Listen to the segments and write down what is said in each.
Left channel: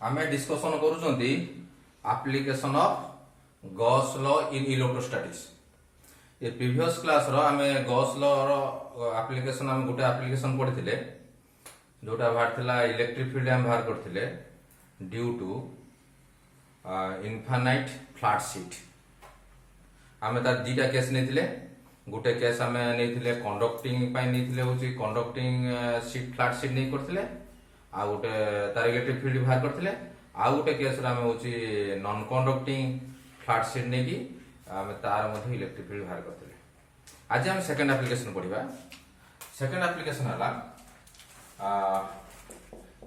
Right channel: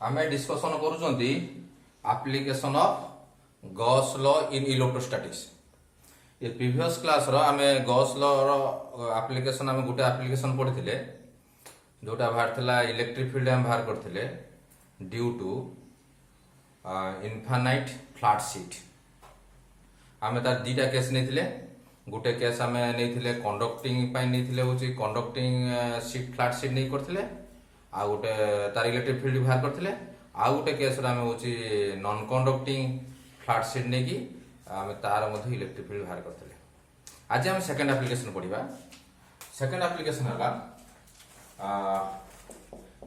आमे डिस्कशन करूछंती application of Gauss law in electrostatics. ये प्रीवियस क्लास रो आमे गॉस लॉ रो एप्लीकेशन आमे गुटे एप्लीकेशन पढिथिले जोटा बाहर थिला इलेक्ट्रिक फील्ड हम बाहर करथिले due to infinite flat sheet. आमे तार दीटा केस नेथिले गुटे केस आमे नेथिले कंडक्टिंग पाई नेथिले होची कंडक्टिंग शीट फ्लैट शीट नै करथिले आ गोटे तार इलेक्ट्रिक फील्ड बाहर करथिले आ गोटे केस आमे होची नॉन कंडक्टिंग फ्लैट शीट नै की आमे तार मध्ये इलेक्ट्रिक फील्ड बाहर करथिले। आज हम सेकंड एप्लीकेशन पढिबा। सेकंड एप्लीकेशन हला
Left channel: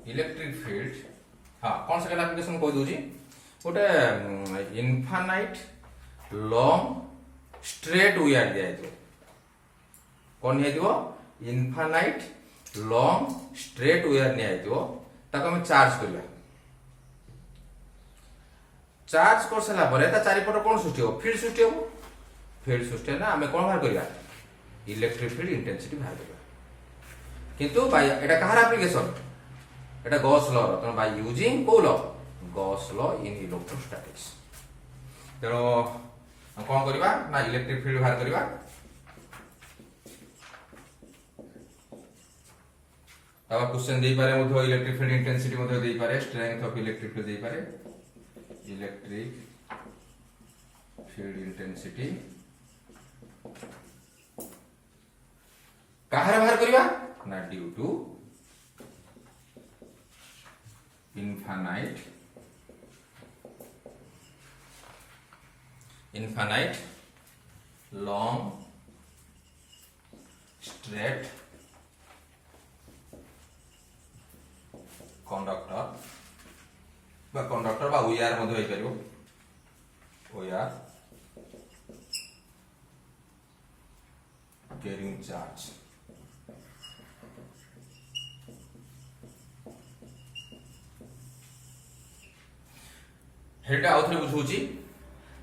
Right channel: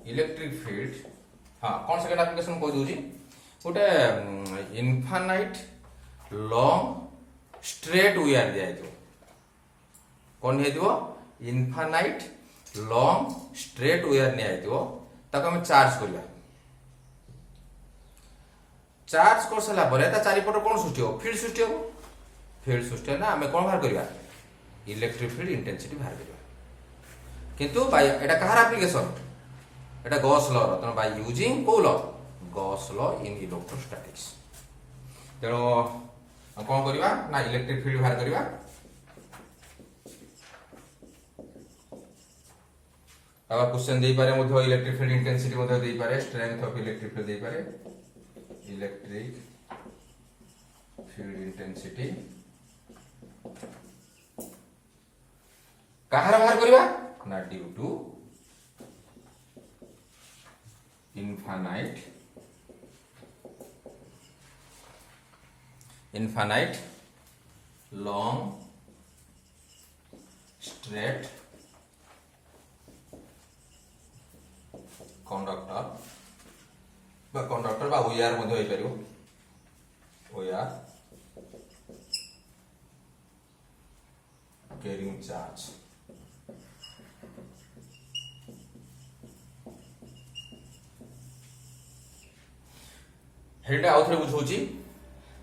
इलेक्ट्रिक फील्ड। हां कोन सेकंड एप्लीकेशन कोइ दोजी गोटे इनफाइनाइट लॉन्ग स्ट्रेट वायर दिया है। कौन है इनफाइनाइट लॉन्ग स्ट्रेट वायर नहीं है ताको हम चार्ज करिया। चार्ज कर सला परे ता चारिपट कोन सृष्टि हो फील्ड सृष्टि हो। फील्ड सृष्टि ना हमें कोन बाहर करिया इलेक्ट्रिक फील्ड इंटेंसिटी बाहर करिया। किंतु बाय एटा कहार एप्लीकेशन एटा गॉस लॉ रो। त बाय यूजिंग को law Gauss law in electrostatics. तेरो कौन करिबा ना इलेक्ट्रिक फील्ड बाहर करिबा। अब क्वेश्चन दे पारे मधो इलेक्ट्रिक फील्ड इंटेंसिटी मधो दे पारे स्ट्रेंथ ऑफ इलेक्ट्रिक फील्ड दे पारे इलेक्ट्रिक फील्ड इंटेंसिटी कहार बाहर करिबा ना due to infinite long straight conductor बा वायर मधो होई परियो वायर कैरिंग चार्ज। हेटा आउथरे बुझौची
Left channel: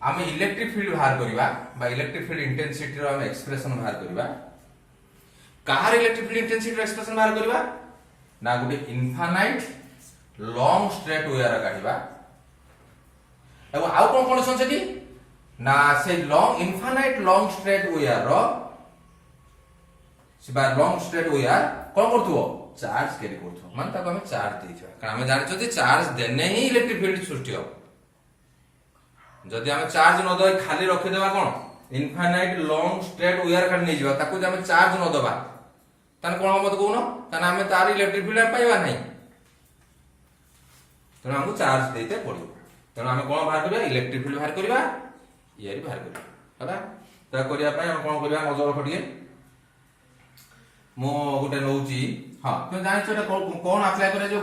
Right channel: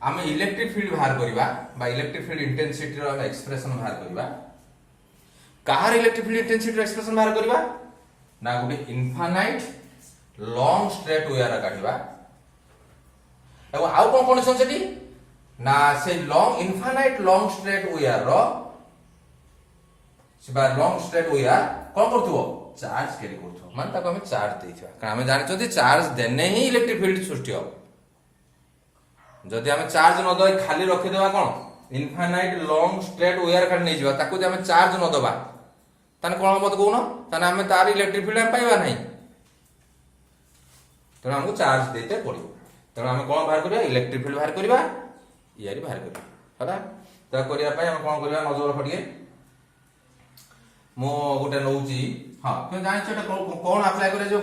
आमे इलेक्ट्रिक फील्ड बाहर करिबा बा इलेक्ट्रिक फील्ड इंटेंसिटी रो आमे एक्सप्रेशन बाहर करिबा। कहार इलेक्ट्रिक फील्ड इंटेंसिटी रो एक्सप्रेशन बाहर करिबा ना गुटे इनफाइनाइट लॉन्ग स्ट्रेट वायर काढिबा। एवं आउ कोन कंडीशन सेठी ना से long infinite long straight wire रो से बा लॉन्ग स्ट्रेट वायर कोन करथुओ चार्ज कैरी करथुओ मान ताको हमें चार्ज देथिबा। कारण हमें जानि छथि चार्ज देने ही इलेक्ट्रिक फील्ड सृष्टि हो। जदि हमें चार्ज न दई खाली रखि देबा कोन इनफाइनाइट लॉन्ग स्ट्रेट वायर खाली नै जिबा ताको जे हमें चार्ज न दबा तने कोन हम कहून तने हमें तार इलेक्ट्रिक फील्ड हम पाइबा नहीं। तेणु हमको चार्ज देते पड़ो। तेणु आम कौन बाहर करिया इलेक्ट्रिक फील्ड बाहर करिया यारी बाहर करिया है करिया पई हम कोन करिया नजर रख दिए मो गोटे नउची। हां तुम जानि छ कोन अप्लाई करे जो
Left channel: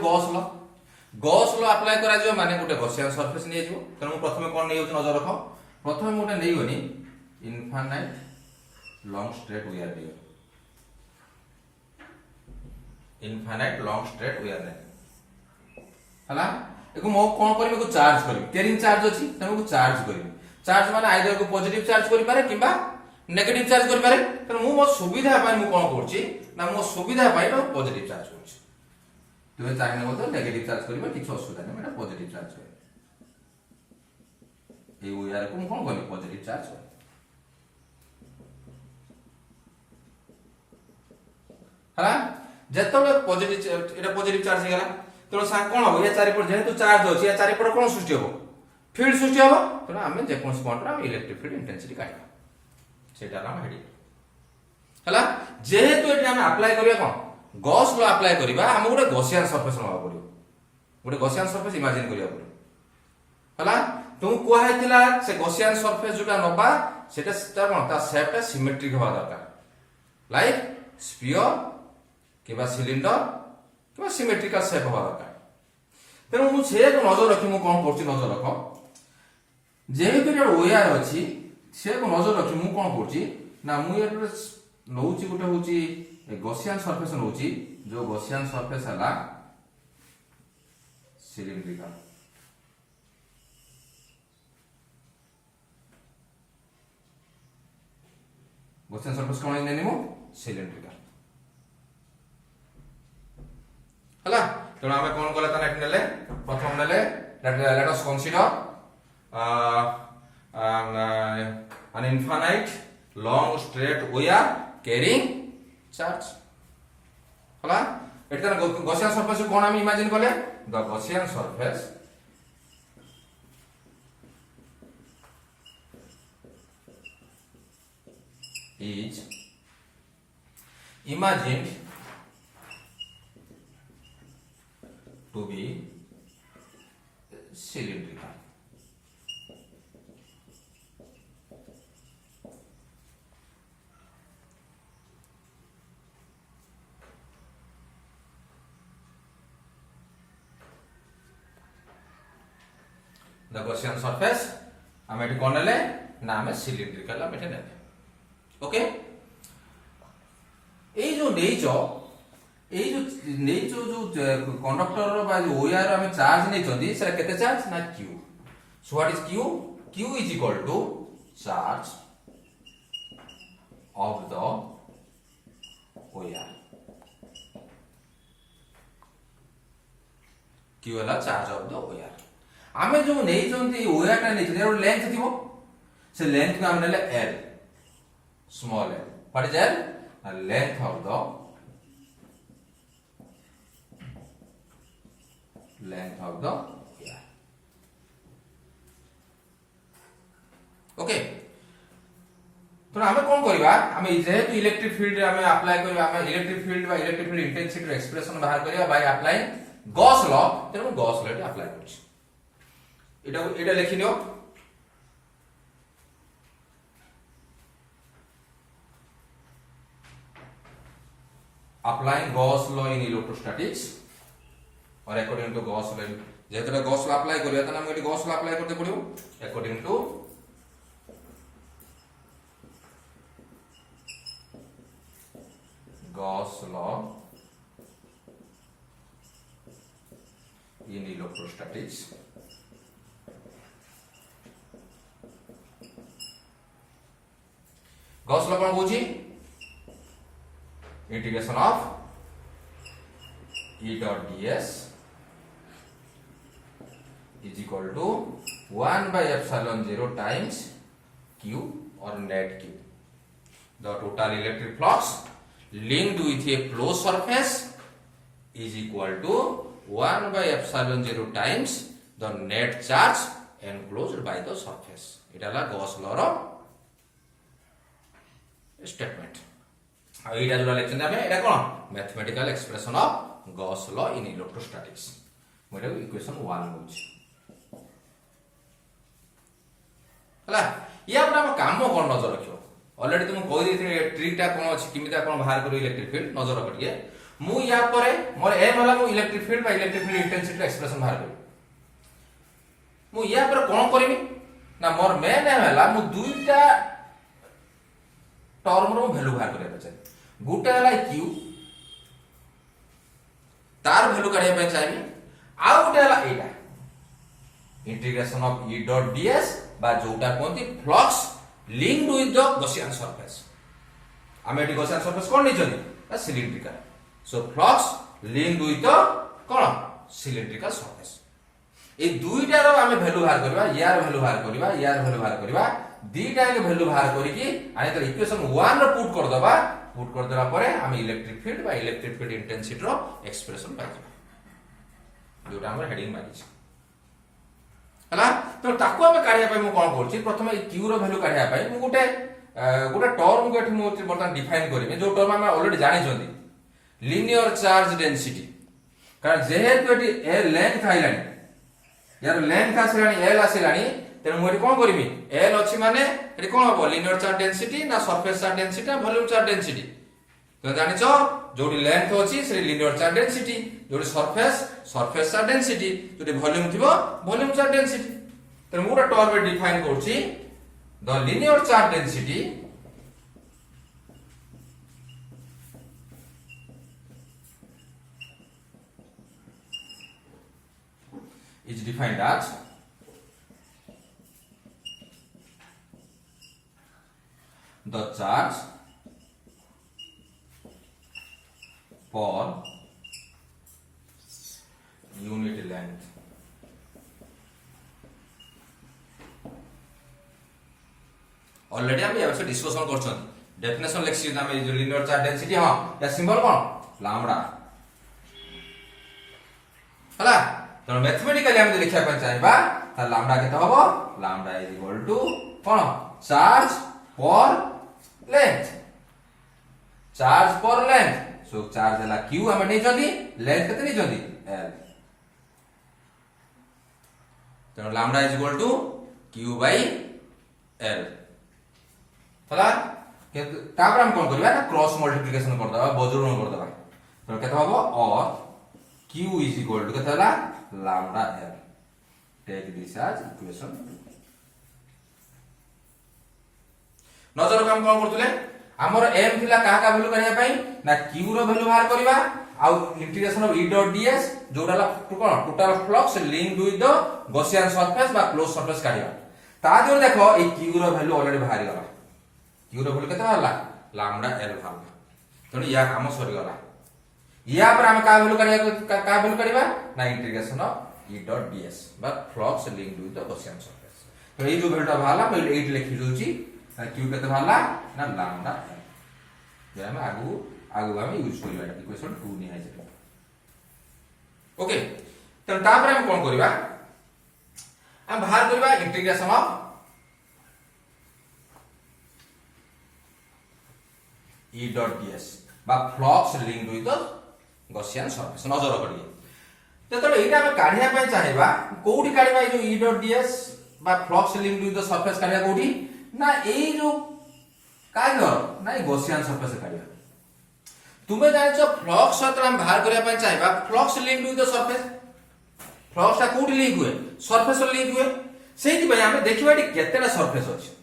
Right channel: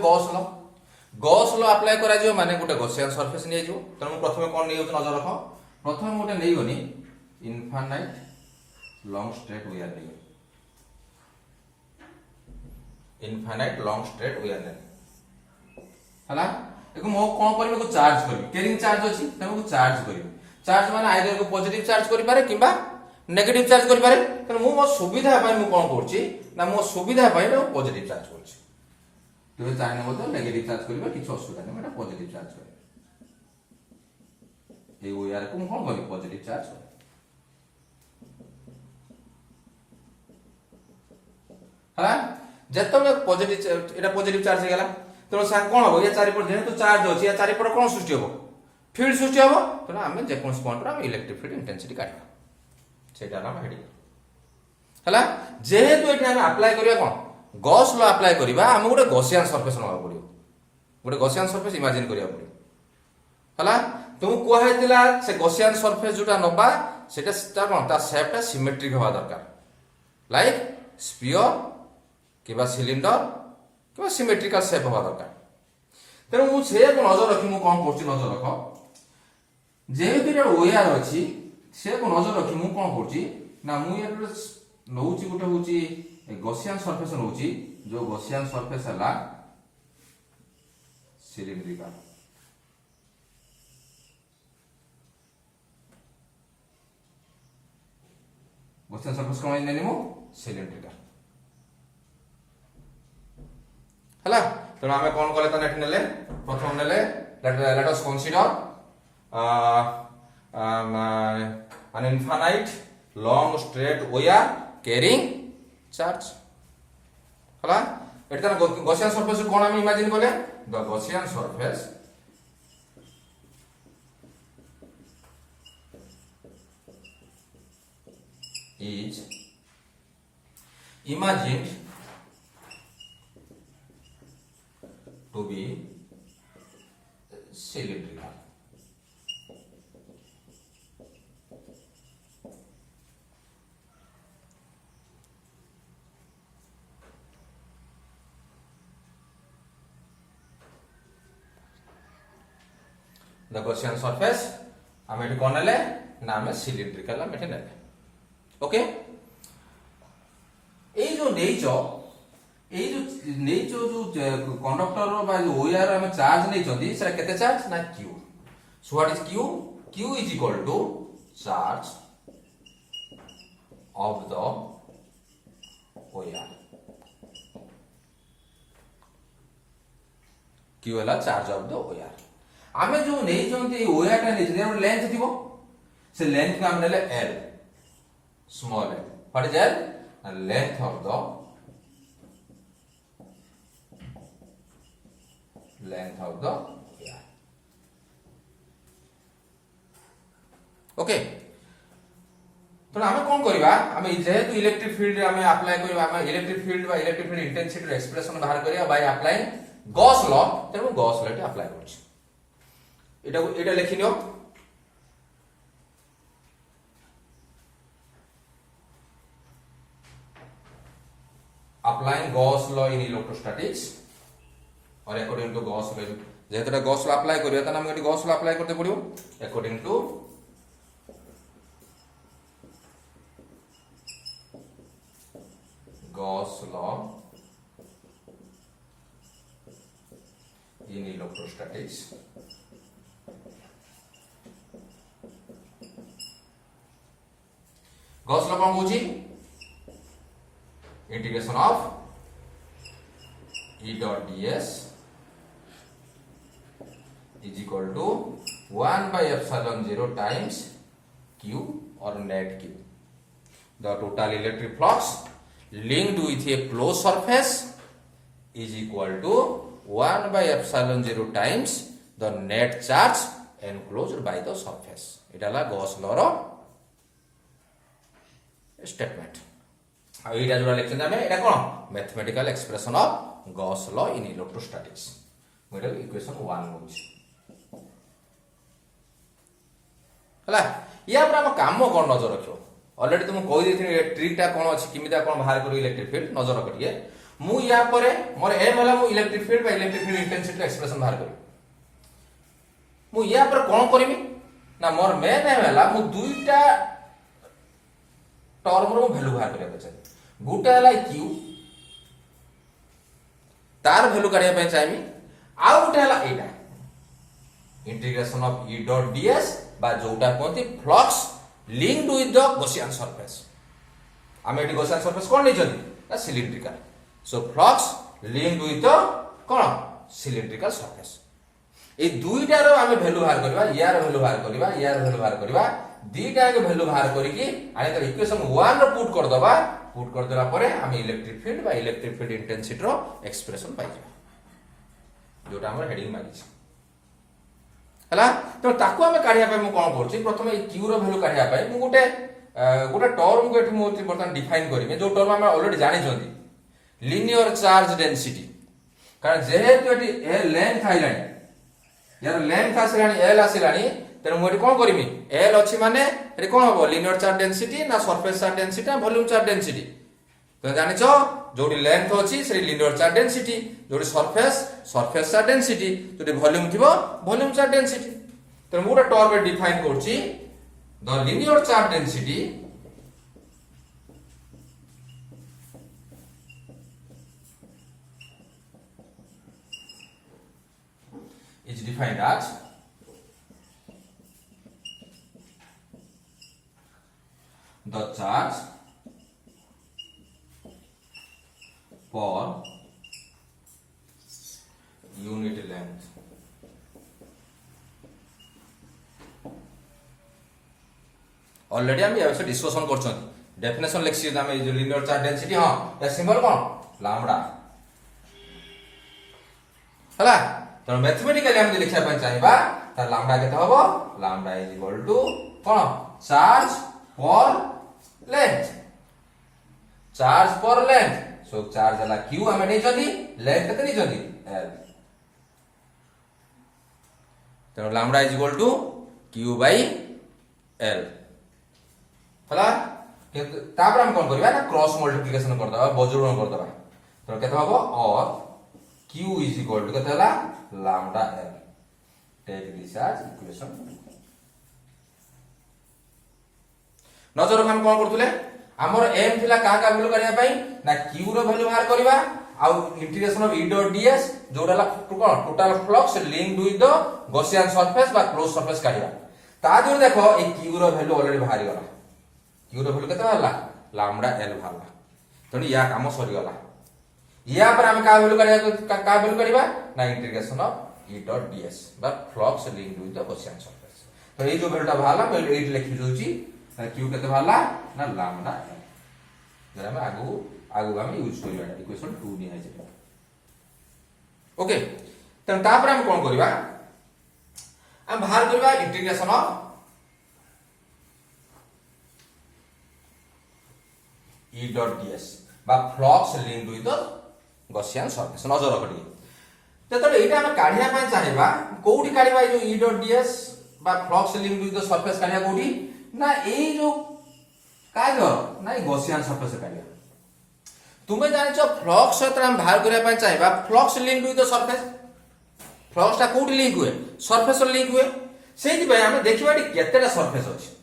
गॉस लॉ अप्लाई करा जो माने गोटे गॉसियन सरफेस नै जो। तेणु प्रथम कोन नै नजर रख प्रथम गोटे नै होनी इनफाइनाइट लॉन्ग स्ट्रेट वायर नै इनफाइनाइट लॉन्ग स्ट्रेट वायर नै हला एको मो कोन करबे को चार्ज करबे कैरिंग चार्ज अछि तमे को चार्ज करबे। चार्ज माने आइदर को पॉजिटिव चार्ज करि पारे किबा नेगेटिव चार्ज करि पारे। त मो सुविधा पाई मु कोन करछि ना मो सुविधा पाई तो पॉजिटिव चार्ज करछि। तो चाहे न तो नेगेटिव चार्ज करबे किछ असुविधा नै एटा पॉजिटिव चार्ज करबे। ए वायर को मु कोन करबे पॉजिटिव चार्ज करबे हला जेतबे पॉजिटिव एटा पॉजिटिव चार्ज हे गेला। तो सा कोन हो या चारिपट जेहेतु चार्ज अछि या चारिपट कोन सृष्टि हो फील्ड सृष्टि हो। तो हमें जे कोन पॉइंट रा इलेक्ट्रिक फील्ड इंटेंसिटी काटबा सेटा नाम हेडी हला। जेहेतु एटा हम अप्लाई करिया कोन गॉस लॉ अप्लाई करिबा हम गोटे गॉसियन सरफेस नवा पड़ियो। गोटे गॉसियन सरफेस इमेजिन करिया पड़ियो हला। तुम को हेतिला से गॉसियन सरफेस जोटा नबा सेटा कोन ता शेपटा सिमेट्रिक होबा दरकार लाइक स्फीयर किबा सिलिंडर किबा सिमेट्रिकल शेप होबा दरकार। तेणु मु से को नजर रखी मु कोन करछि नजर रख जेहेतु एटा वायर अछि से को नजर रखी मु कोन करछि ना मु एटा नउछि गोटे होछि गॉसियन सरफेस नउछि जो गॉसियन सरफेस हला सिलिंड्रिकल। गॉसियन सरफेस कोन नेनिमो सिलिंड्रिकल हला तेणु आम कौन कले तो नेक्स्ट नेले प्रथम नेले let us consider an infinite long straight wire carrying charge हला एटा गॉसियन सरफेस कोन हम इमेजिन कले the Gaussian surface is imagined to be cylindrical. The Gaussian surface हम एटी कौन ले ना हमें सिलिंड्रिकल हम एटी नेले ओके ए जो नेइचो जो कंडक्टर रो बा जो ओआर हम चार्ज नै चंदी से केते चार्ज ना q so what is q is equal to charge of the wire q वाला चार्ज ऑफ द ओआर आमे जो नै चंदी ओआर टा नै चंदी लेंथ थिबो से लेंथ को हम नेले l small l what is l length of the wire okay तो हमें कौन करबा हमें जेहेतु इलेक्ट्रिक फील्ड हमें अप्लाई करबा हमें इलेक्ट्रिक फील्ड बा इलेक्ट्रिक फील्ड इंटेंसिटी रो एक्सप्रेशन बाहर करबा बाय अप्लाइंग गॉस लॉ तेनु गॉस लॉ टी अप्लाई करछि एटा लिखि लियो applying Gauss law in electrostatics और according to Gauss law जेतरा Gauss law apply करियो त हम एटी Gauss law apply करते पड़ियो according to Gauss law in electrostatics Gauss law कोन बुझी integration of E dot ds is equal to 1 by epsilon 0 times q or net q. The total electric flux linked with a closed surface is equal to 1 by epsilon 0 times the net charge enclosed by the surface. It is Gauss law ro statement. एटा जोड़ा lecture में एटा कोन mathematical expression of Gauss law in electrostatics मोटा equation 1 होछि हला या पर हम काम कोन नजर रखियो ऑलरेडी तुम कहि देथि ट्रिकटा कोन अछि किमिता कोन बाहर करू इलेक्ट्रिक फील्ड नजर रखिए मु या परे मोर एम होला मु इलेक्ट्रिक फील्ड बा इलेक्ट्रिक फील्ड इंटेंसिटी एक्सप्रेशन बाहर करू मु या पर कोन करबी ना मोर मेन एम होला मु दुईटा टर्म रो वैल्यू बाहर करिया पछे गुटा हला q तार वैल्यू काढिया पे चाहिए आ गुटा हला एटा integration of E dot ds बा जोटा कोनती flux linked with the Gaussian surface हम एटी गॉसियन सरफेस कोन नै जनी the cylindrical so flux linked with the कोन सिलिंड्रिकल सरफेस ए दुईटा रो हम वैल्यू बाहर करबा यार वैल्यू बाहर करबा यार वैल्यू बाहर करबा दीटा के वैल्यू बाहर करिकि आने तो इक्वेशन 1 रो पुट कर देला परे हम इलेक्ट्रिक फील्ड बा इलेक्ट्रिक फील्ड इंटेंसिटी रो एक्सप्रेशन पाइ जाबा जोटा हम हेडिंग मारि छी हला तो ताको हम काढिया पय मु कोन करछि प्रथमे q रो वैल्यू काढिया पय मु गोटे टर्म को एठी मु बर्तन डिफाइन करबे जो टर्म हम ऑलरेडी जानि छथि लिनियर चार्ज डेंसिटी कारण जेहेतु एठी ए लेंथ आइलानी यार लेंथ आसिलानी l आसिलानी तेनु मोटी कोन करबी l अछि माने एटी कोन हो लिनियर चार्ज डेंसिटी ना सरफेस चार्ज डेंसिटी ना वॉल्यूम चार्ज डेंसिटी तो जानि छ जोडी लेंथ अछि से लिनियर चार्ज डेंसिटी जोडी सरफेस चार्ज डेंसिटी जोडी वॉल्यूम थिबो वॉल्यूम चार्ज डेंसिटी तेनु मोटा टर्म डिफाइन करछि the linear charge density is defined as the charge per already हम ये डिस्कशन करछन डेफिनेशन लेक्सी हम ये जो लिनियर चार्ज डेंसिटी हां या सिंबल कोन लैम्बडा हला तो मैथमेटिकली हम लिखिया पन चाहिबा त लैम्बडा केते हबो लैम्बडा इज इक्वल टू कोन charge per length so charge हला q हम नै जल्दी लेंथ केते नै जल्दी l तो lambda is equal to q by l हला तापर हम कोन करबा ना क्रॉस मल्टीप्लिकेशन कर दबा बजूरण कर दबा तो केते हबो और q इज इक्वल टू केते हला lambda l take this as equation 2 नजर हम कोन करथुले हमर एम थिला का वैल्यू करिया पई ना q रो वैल्यू बाहर करबा आ integration of e dot ds जोडाला कोन total flux linked with the Gaussian surface बा क्लोज सरफेस काढिबा ता जो देखो ए q रो वैल्यू ऑलरेडी बाहर गला q रो वैल्यू केते बाहरला लैम्बडा l बाहरला तो या काम सरी गला या पर हम का वैल्यू करिया का वैल्यू करिबा ना integration of e dot ds बा flux linked with the Gaussian surface तो ए जो वैल्यूटा बाहरला मैं 8 लिखि दोची q केते बाहरला ना लैम्बडा l हम आगु हम यूज करिबा इक्वेशन 2 नि आइ जे ओके तन तापर हम कोन करिबा हम बाहर करिबा integration of e dot ds बा flux linked with the Gaussian surface नजर करी जतले एटा हम काढिया पय चाहिबा कोउडी काढिबा जो e डॉट ds बा flux linked with the surface काढिया कोउडी ना ए जो काय कर ना गॉसियन सरफेस काढिया तुमे जानिचो फ्लक्स सहित हम बाहर करिया पय चाहिबा flux linked with the surface flux ता कोउडी लिंक हुए सरफेस लिंक हुए सेति भाई हम देखिबा एटी केतेटा सरफेस अछि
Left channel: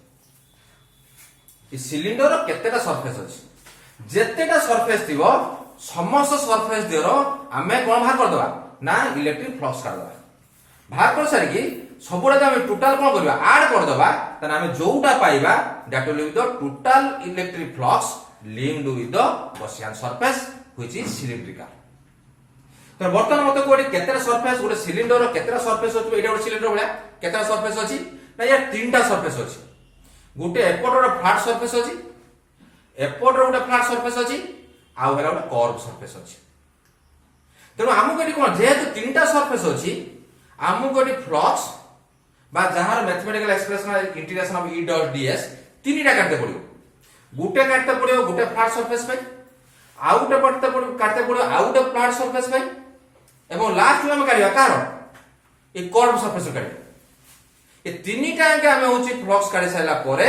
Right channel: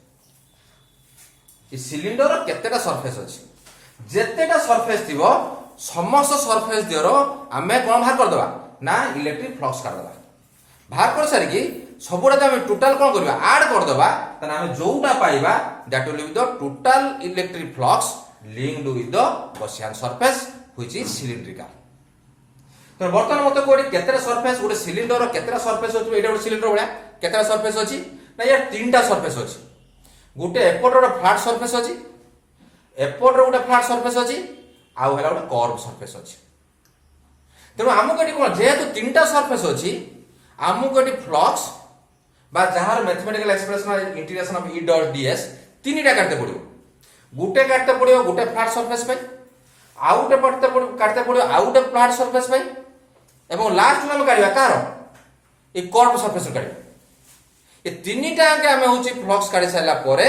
इ सिलिंडर केतेटा सरफेस अछि जेतेटा सरफेस थिबो समस्त सरफेस देरो हमें कोन बाहर कर दबा ना इलेक्ट्रिक फ्लक्स काढ दबा बाहर कर सारी की सबुडा हम टोटल कोन करबा ऐड कर दबा तने हम जोउटा पाइबा that will be the total electric flux linked with the Gaussian surface which is cylindrical तो बर्तन मते कोडी केतेटा सरफेस गोटे सिलिंडर रो केतेटा सरफेस अछि एटा गोटे सिलिंडर भलिया केतेटा सरफेस अछि ना या तीनटा सरफेस अछि गोटे एपट रो फ्लैट सरफेस अछि एपट रो गोटे फ्लैट सरफेस अछि आ हेला गोटे कर्व सरफेस अछि तेनो हमु कटी कोन जेहेतु तीनटा सरफेस अछि हमु कटी फ्लक्स बा जहार mathematical expression integration of e dot ds तीनटा काटते पड़ियो गुटे काटते पड़ियो गुटे फ्लैट सरफेस पे आउटे काटते पड़ियो आउटे फ्लैट सरफेस पे एवं लास्ट में हम काढिबा कार ए कर्व सरफेस काढिबा ए तीनटा के हम होची फ्लक्स काढि साइला परे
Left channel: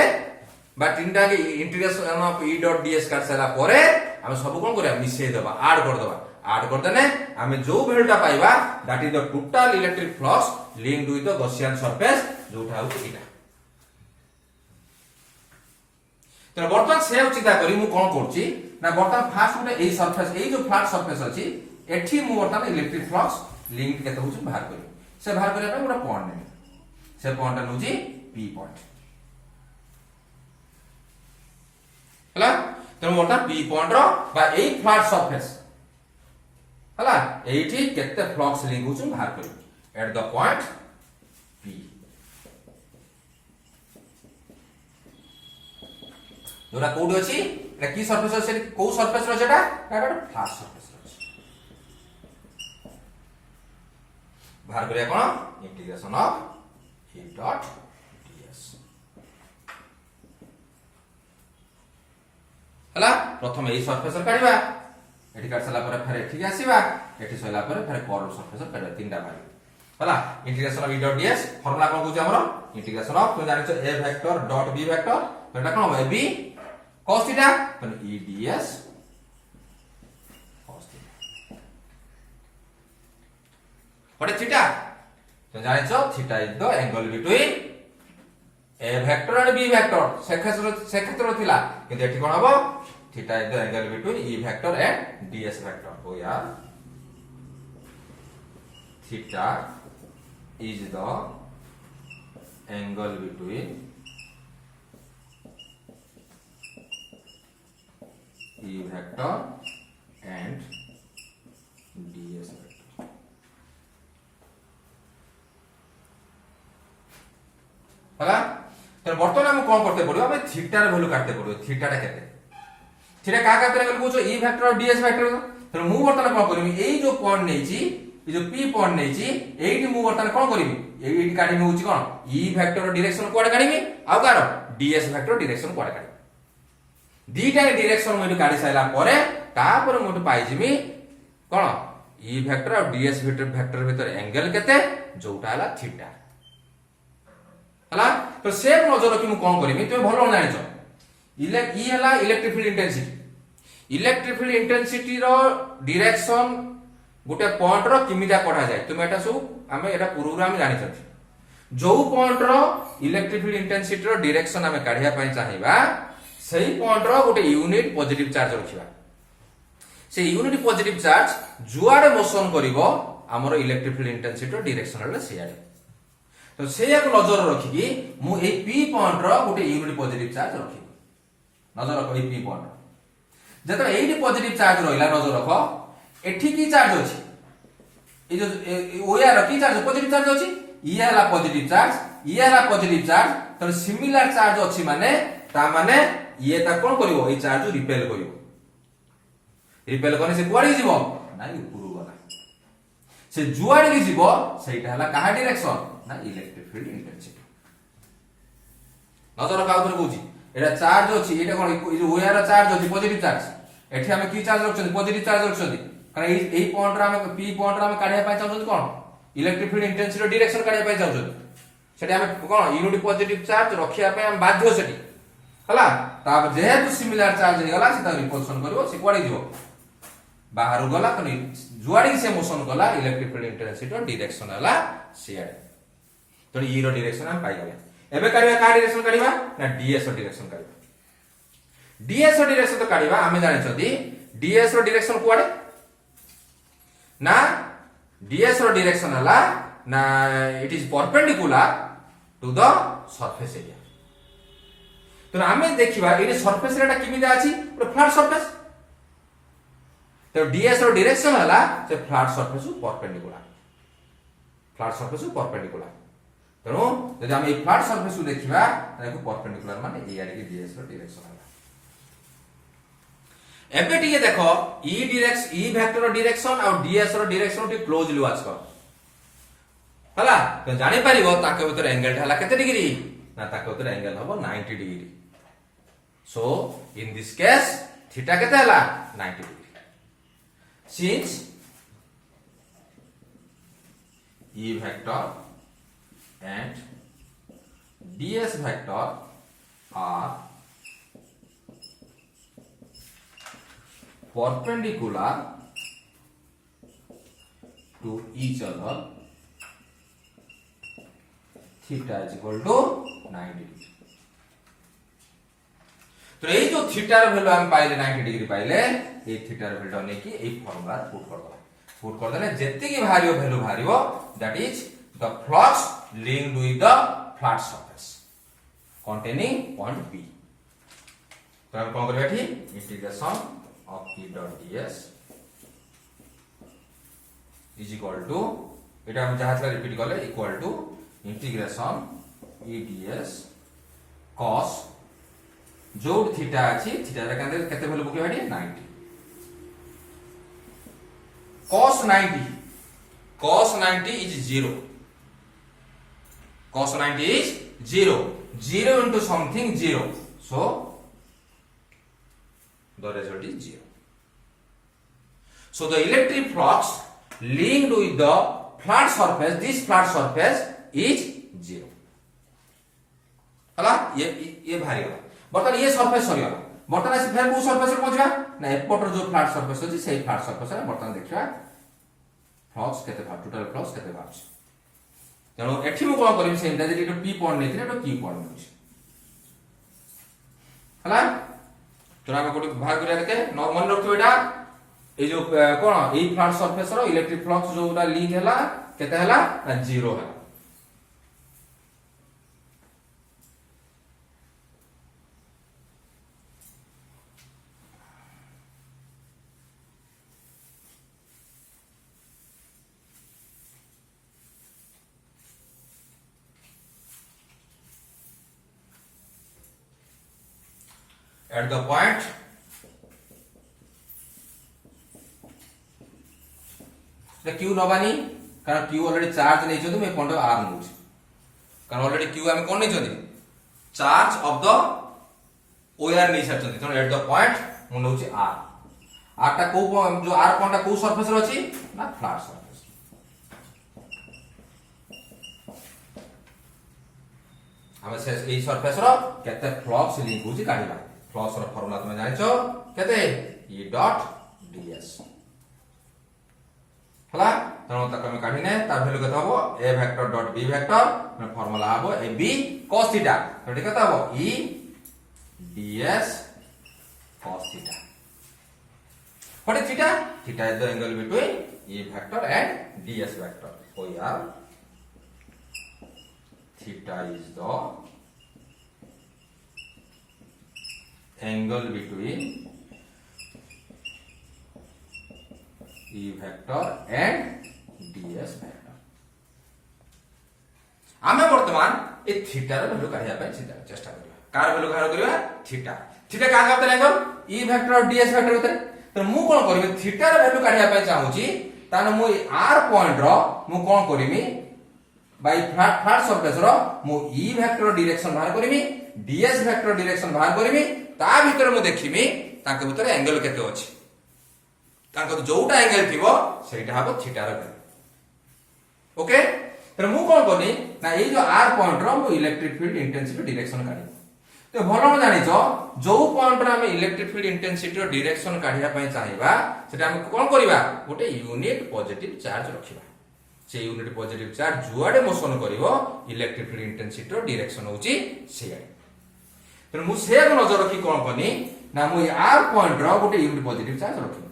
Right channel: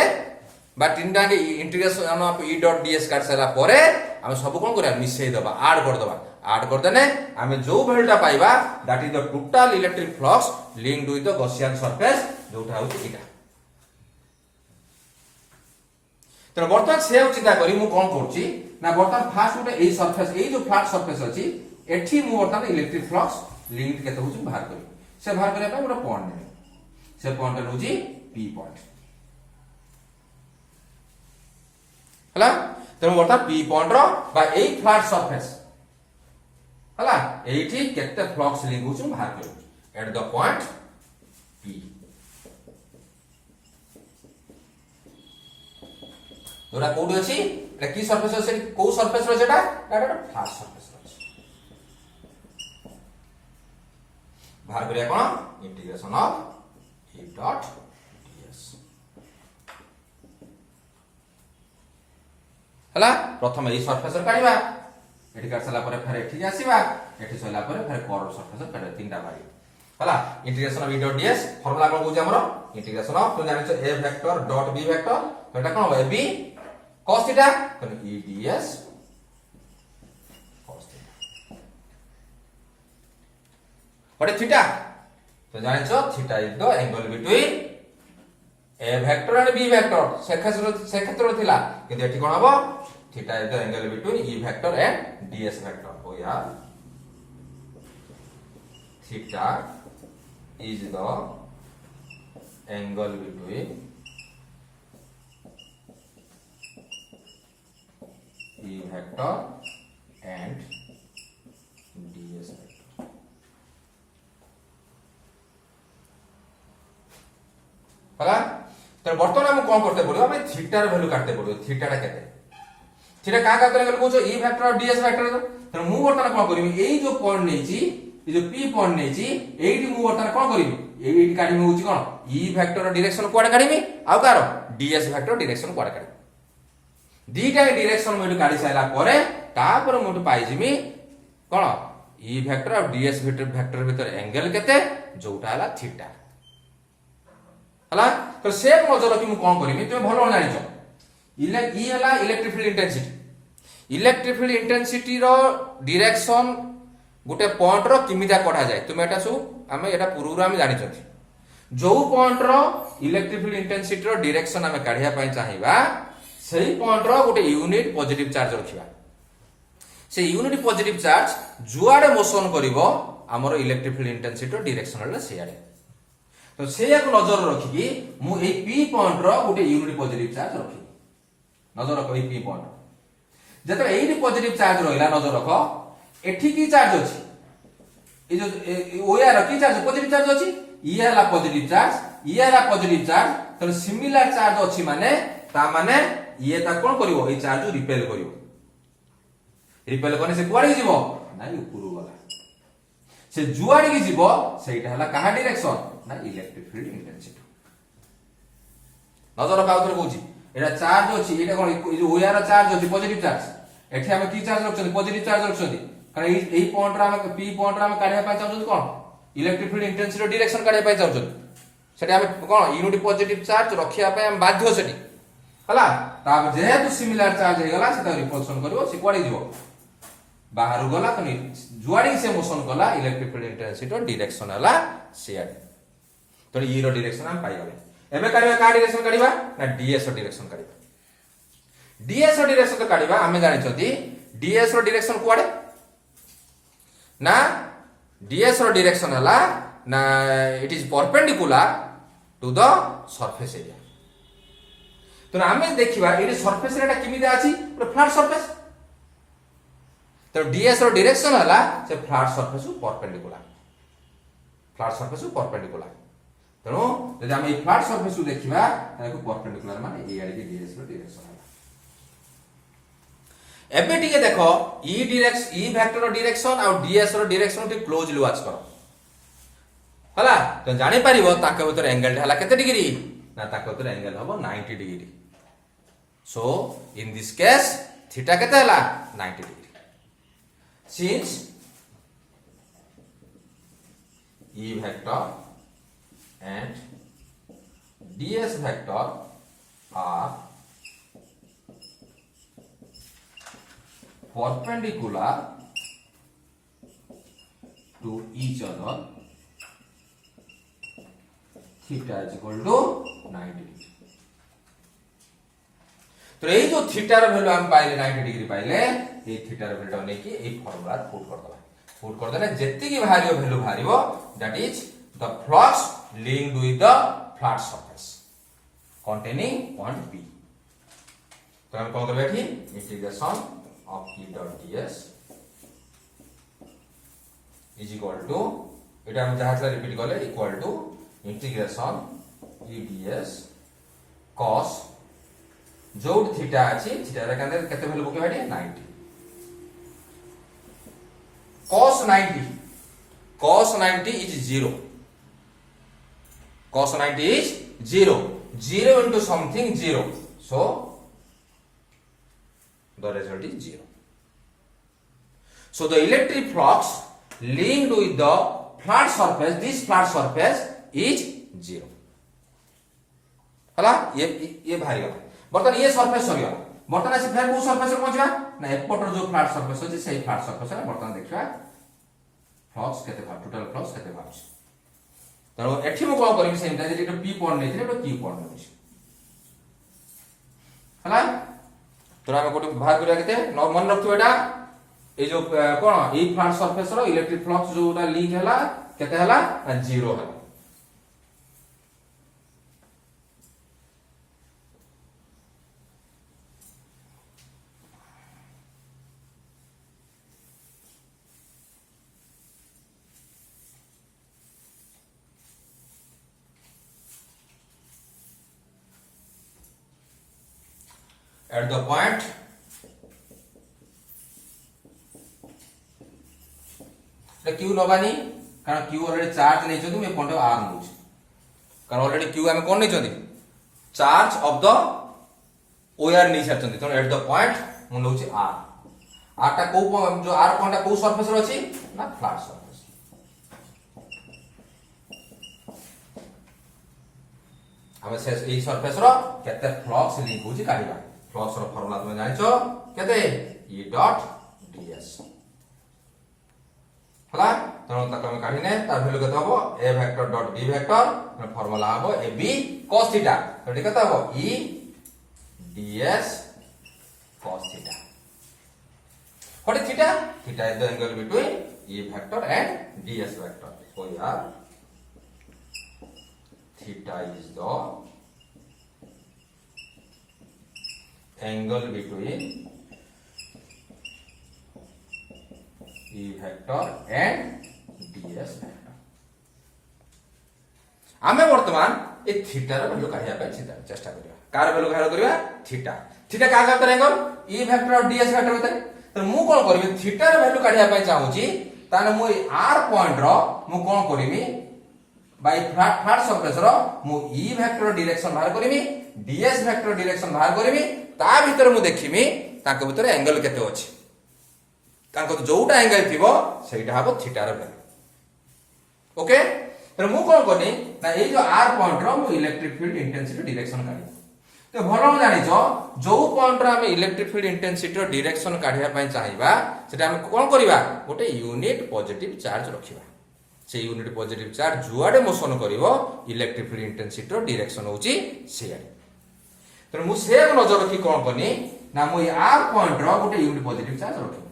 बा तीनटा के integration of e dot ds काढि साइला परे हम सब कोन करिया मिसै दबा ऐड कर देने हम जो वैल्यूटा पाइबा that is the total electric flux linked with the Gaussian surface जोटा होची एटा तो बर्तमान से चिंता करी मु कोन करछि ना बर्तमान फास्ट गोटे ए सरफेस ए जो फ्लैट सरफेस अछि एठी मु बर्तमान इलेक्ट्रिक फ्लक्स लिंक केते होछि बाहर करी से बाहर करे पे गोटे पॉइंट ने से पॉइंट होछि p पॉइंट हला तो बर्तमान p पॉइंट रो बा ए फ्लैट सरफेस हला एठी केते फ्लक्स लिंक होछि बाहर करी एट द पॉइंट p जोरा कोड अछि एटा की सरफेस अछि को सरफेस रो सेटा एटा फ्लैट सरफेस रो अछि बाहर करिया कोन integration of e dot ds हला प्रथम ए सरफेस काढिबा एठी काट सला परे फेर एठी आसीबा एठी सला परे फेर कर्व सरफेस काढिबा तीनटा बारी हला integration of e dot ds formula कोन होछि हमरो इंटीग्रेशन ऑफ तुम जानिछ a vector dot b vector तो एटा कोन होय b cos theta तो e ds cos theta what is theta तो जाने छो theta is the angle between a vector and b vector से क्षेत्र थिला कि एठी कोन हबो theta is the angle between e vector and ds vector हो या theta is the angle between e vector and ds vector हला तो बर्तमान हम कौन करते पड़ो हमें थीटा रे वैल्यू काटते पड़ो थीटाटा केते थीटा का का करे कहू ई फैक्टर और डीएस फैक्टर तो मु बर्तमान कौन करबी एई जो पॉइंट नेची ए जो पी पॉइंट नेची एइटी मु बर्तमान कौन करबी एइटी काटी होउची कोन ई फैक्टर डायरेक्शन कोड काढिबी आ कार डीएस फैक्टर डायरेक्शन कोड काढिबी दीटा डायरेक्शन मु काढी साइला परे तापर मु पाई जिमी कोन ई फैक्टर और डीएस फैक्टर भीतर एंगल केते जोटा हला थीटा हला तो सेम नजर रखी मु कोन करबी तुम भलो जानिछो ई हला इलेक्ट्रिक फील्ड इंटेंसिटी रो डायरेक्शन गोटे पॉइंट रो किमिता पढ़ा जाए तुम एटा सु आमे एटा पूर्व आमे जानि छथि जो पॉइंट रो इलेक्ट्रिक फील्ड इंटेंसिटी रो डायरेक्शन आमे काढिया पई चाहिबा सेही पॉइंट रो गोटे यूनिट पॉजिटिव चार्ज रखिबा से यूनिट पॉजिटिव चार्ज जुआडे मोशन करिवो हमर इलेक्ट्रिक फील्ड इंटेंसिटी रो डायरेक्शन रे सेयाडे तो सेया को नजर रखिकी मु ए पी पॉइंट रो गोटे यूनिट पॉजिटिव चार्ज रखि नजर रख A P point Jat eighty positive charge रहिला नजर रख एठी की चार्ज अछि ए जो ओयार की चार्ज पॉजिटिव चार्ज अछि ई हला पॉजिटिव चार्ज ई हला पॉजिटिव चार्ज तो सिमिलर चार्ज अछि माने ता माने ये ता कोन करिवो ए चार्ज रिपेल करिवो रिपेल कोने से कुआडी जीवो नाइ ऊपर गला से जुआडी की जीवो सेटा हला काहा डायरेक्शन ना इलेक्ट्रिक फील्ड इंटेंसिटी नजर रख आउथर कहूची एटा चार्ज अछि एटा कोन ए जो ओयार चार्ज अछि पॉजिटिव चार्ज एठी हम की चार्ज रखछन पॉजिटिव चार्ज रखछन कारण एही पॉइंट रा हम पी पॉइंट रा हम काढिया पाइ चाहछन कोन इलेक्ट्रिक फील्ड इंटेंसिटी डायरेक्शन काढिया पाइ चाहछन सेठी हम कोन यूनिट पॉजिटिव चार्ज रखिया पाइ हम बाध्य सेठी हला तापर जेहेतु सिमिलर चार्ज हे गला सेटा रिपल्सन करिवो से कोडी दिवो बाहर गला कनी जुआडी से मोशन गला इलेक्ट्रिक फील्ड इंटेंसिटी डायरेक्शन हला सेड तो ई रो डायरेक्शन हम पाइ गले एबे काढिबा का डायरेक्शन काढिबा ना डीएस रो डायरेक्शन काढिबा डीएस रो डायरेक्शन तो काढिबा हमें जानि छथि डीएस रो डायरेक्शन कुआडे ना डीएस रो डायरेक्शन हला ना it is perpendicular to the surface area तो हमें देखिबा एटी सरफेस एरिया किमिदा अछि पूरा फ्लैट सरफेस तो डीएस रो डायरेक्शन हला से फ्लैट सरफेस परपेंडिकुलर तेणु यदि हम ए फ्लैट सरफेस देखिबा ताको परपेंडिकुलर माने ए आडी के डीएस रो डायरेक्शन हला एबे टिके देखो ई डायरेक्शन ई वेक्टर रो डायरेक्शन और डीएस रो डायरेक्शन टी क्लोजली वॉच करो हला तो जानि परिबो ताके भीतर एंगल हला केते डिग्री ना ताके भीतर एंगल हबो 90 degree so in this case theta केते हला 90 degree since E vector and ds vector are perpendicular to each other theta is equal to 90 degree तो ये जो थीटा रो वैल्यू हम पाइले 90 डिग्री पाइले ये थीटा रो वैल्यू ने की ए फार्मूला पुट कर देला जेति की भारियो वैल्यू भारियो that is the flux linked with the flat surface containing point P. तो हम कौन करेंगे ठीक integration of P dot ds is equal to एटा हम जहां से रिपीट करले equal to integration E ds cos जो थीटा अछि थीटा रे कंदे केते वैल्यू बके बाडी 90 cos 90 is 0 cos 90 is 0 into something 0 so the result is 0 so the electric flux linked with the flat surface this flat surface is 0 हला ये भारी गला बर्तन ये सरफेस सरी गला बर्तन से फेर को सरफेस रे पहुंचबा ना एपटर जो फ्लैट सरफेस अछि सेही फ्लैट सरफेस रे बर्तन देखिबा फ्लक्स केते भाग टोटल फ्लक्स केते भाग तेणु एठी मु कोन करबी सेंटा जे पी पॉइंट नै थिले क्यू पॉइंट नै हला तो हम कोटे भाग करिया केते मन रखियो एटा ए जो कोन ए फ्लैट सरफेस रो इलेक्ट्रिक फ्लक्स जोटा लिंक हला केते हला 0 हला एट द पॉइंट क्यू नबानी कारण क्यू ऑलरेडी चार्ज नहीं छथि मैं पॉइंट आर नउ कारण ऑलरेडी क्यू हम कोन नहीं छथि चार्ज ऑफ द ओआर नहीं छथि तो एट द पॉइंट मु नउ छी आर आर टा को जो आर पॉइंट को सरफेस रो अछि ना फ्लैट सरफेस हम से ए सरफेस रो केते फ्लक्स लिंक होछि काढिबा फ्लक्स रो फार्मूला तुम जानिछो केते E डॉट ds हला तनो तक हम काढिने ता वैल्यू केते हबो a vector dot b vector formula हबो ab cos थीटा तो केते हबो E ds cos theta what is theta theta is the angle between E vector and ds vector so here theta is the angle between E vector and ds vector आमे वर्तमान ए theta रे value काढिया पे चेष्टा करिया car value काढ करिया theta theta का का एंगल E vector और ds vector भीतर तो मु कोन करबी थीटा रे वैल्यू काढिया पे चाहूची ताने मु r पॉइंट रो मु कोन करबी बाय फ्लैट सरफेस रो मु E vector डायरेक्शन बाहर करबी ds vector डायरेक्शन बाहर करबी ता भीतर मु देखिमी ताके भीतर एंगल केते अछि ताको जोटा एंगल थिबो सेटा हबो थीटा रे वैल्यू ओके तो मु कोन करनी ना ए जो r पॉइंट रो मु इलेक्ट्रिक फील्ड इंटेंसिटी डायरेक्शन काढी तो भलो जानिछो जो पॉइंट रे हम इलेक्ट्रिक फील्ड इंटेंसिटी रो डायरेक्शन काढिया पई चाहिबा सेटा हम कोन करिबा गोटे यूनिट पॉजिटिव चार्ज रखिबा से यूनिट पॉजिटिव चार्ज जुआडे मोशन करिवो इलेक्ट्रिक फील्ड इंटेंसिटी रो डायरेक्शन होची सेया तो मु से नजर रखी कोन करनी ना मु r पॉइंट रो गोटे यूनिट पॉजिटिव चार्ज रखी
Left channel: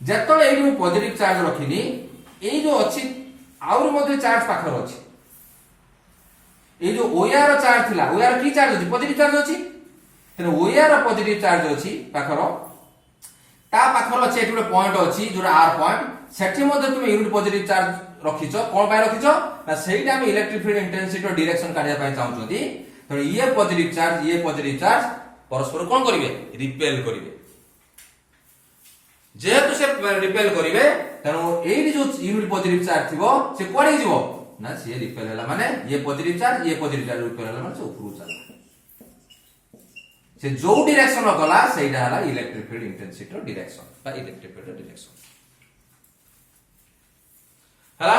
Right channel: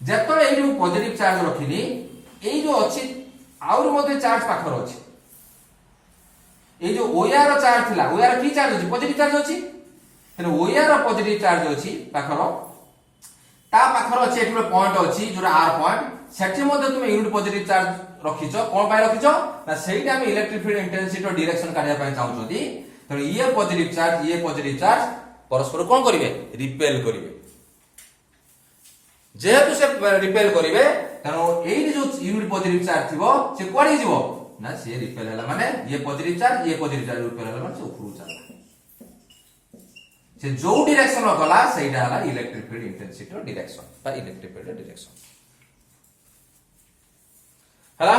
जेतले एई मु पॉजिटिव चार्ज रखिनी एई जो अछि आउर मध्ये चार्ज पाखर अछि ए जो ओआर चार्ज थिला ओआर की चार्ज अछि पॉजिटिव चार्ज अछि तने ओआर पॉजिटिव चार्ज अछि पाखर ता पाखर अछि एठुरे पॉइंट अछि जोरा आर पॉइंट सेठी मध्ये तुमे यूनिट पॉजिटिव चार्ज रखिछो कोन पाइ रखिछो ना सेहीटा हम इलेक्ट्रिक फील्ड इंटेंसिटी रो डायरेक्शन काढिया पाइ चाहउछोदी तो ये पॉजिटिव चार्ज परस्पर कोन करिवे रिपेल करिवे जेहेतु से रिपेल करिवे तनो एई जो यूनिट पॉजिटिव चार्ज थिबो से कोडी जिवो ना से रिपेल हला माने ये पॉजिटिव चार्ज रिपेल हला माने से ऊपर चला से जो डायरेक्शन रो गला सेटा हला इलेक्ट्रिक फील्ड इंटेंसिटी रो डायरेक्शन बा इलेक्ट्रिक फील्ड डायरेक्शन हला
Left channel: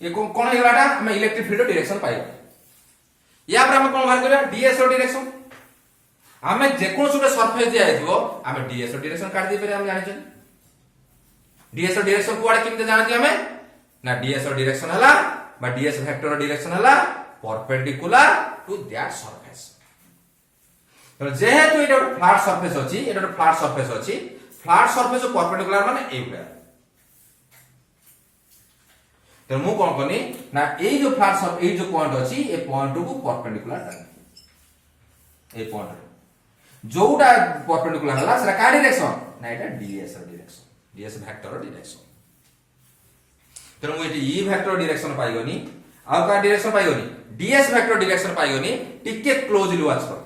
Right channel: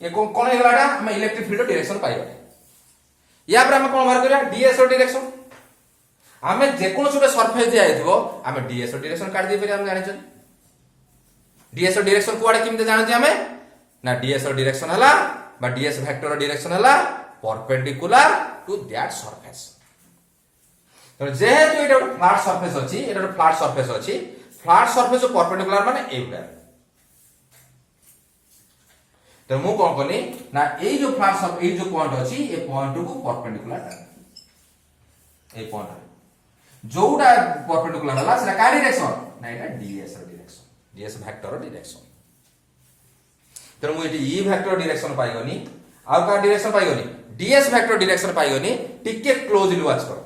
ये कोन हेलाटा हम इलेक्ट्रिक फील्ड डायरेक्शन पाइबा या पर हम कोन बाहर करिया ds रो डायरेक्शन हमें जेकोन सुबे सरफेस दिया हेतबो हमें ds रो डायरेक्शन काट दे हम जाने छै ds रो डायरेक्शन कुआडे किमते जाने छै हमें ना ds रो डायरेक्शन हला बा ds वेक्टर रो डायरेक्शन हला परपेंडिकुलर टू दैट सरफेस तो जेहेतु एटा फ्लैट सरफेस अछि एटा फ्लैट सरफेस परपेंडिकुलर माने एटा तो मु कोन करनी ना ए जो फ्लैट सरफेस ए जो पॉइंट अछि ए पॉइंट को परपेंडिकुलर ए पॉइंट जोटा परपेंडिकुलर हला सेटा का डायरेक्शन ना एटा ds रो डायरेक्शन ds वेक्टर रो डायरेक्शन तो मु एटी E वेक्टर डायरेक्शन पाइगनी आ का डायरेक्शन पाइगनी ds वेक्टर डायरेक्शन पाइगनी टिके क्लोजली वाच करो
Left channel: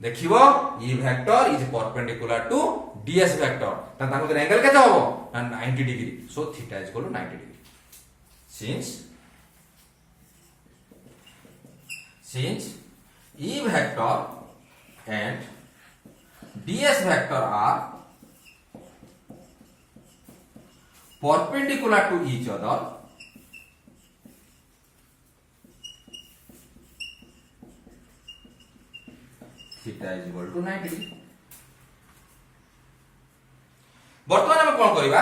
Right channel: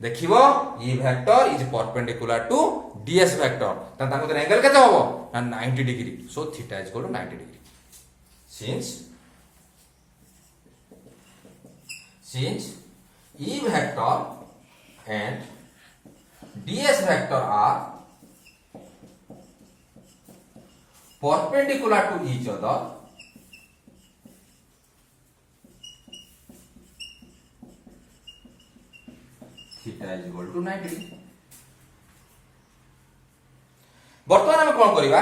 देखिवो E vector is perpendicular to ds vector त ताको एंगल केते होबो ना 90 degree so theta is equal to 90 degree since E vector and ds vector are perpendicular to each other theta is equal to 90 degree वर्तमान हम कोन करिबा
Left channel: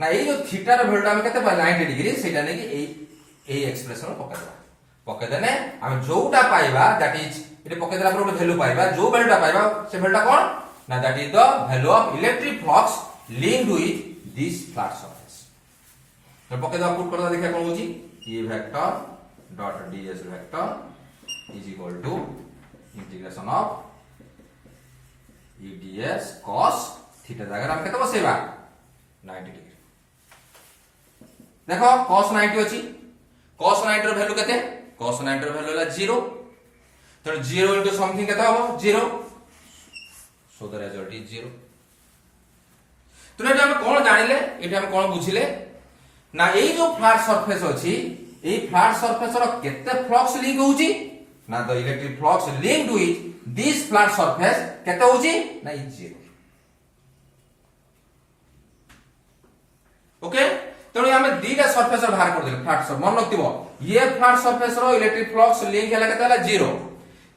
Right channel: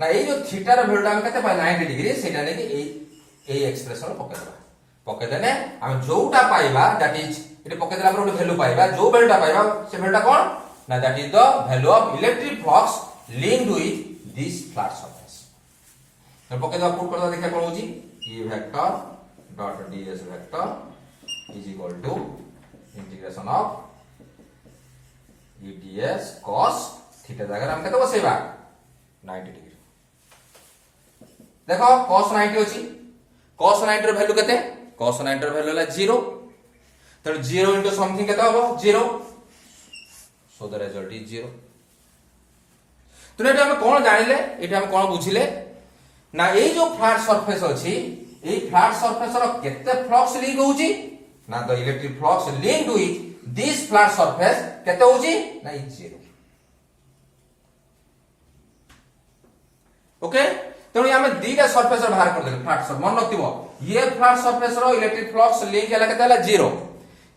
ना ए जो थीटा रो वैल्यू हम केते पाइला 90 डिग्री सेटा ने कि ए एक्सप्रेशन पके देबा पके देने हम जोटा पाइबा दैट इज एटे पके देला पर वैल्यू पाइबा जो वैल्यूटा पाइबा से वैल्यूटा कोन ना that is the value of electric flux linked with this flat surface तो पके देला प्रूफ करदा देखिया कोन होची E vector dot ds vector is equal to integration of E ds cos theta जगह हम केते बसेबा 90 डिग्री देखो cos 90 अछि cos 90 रो वैल्यू केते cos 90 रो वैल्यू होला 0 तेणु 0 into something केते हबो 0, so the result is 0. तो एटा हम कोन जानिले, एटा हम कोन बुझिले ना ए जो फ्लैट सरफेस अछि, ए फ्लैट सरफेस रो केते फ्लक्स लिंक होउची ना the electric flux linked with this flat surface केते होउची ना इज 0. ओके, तेणु आम दीटा सरफेस बाहर कर देले फ्लैट सरफेस मन रखिबो, ये फ्लैट सरफेस रो इलेक्ट्रिक फ्लक्स लिंक हला केते हला 0,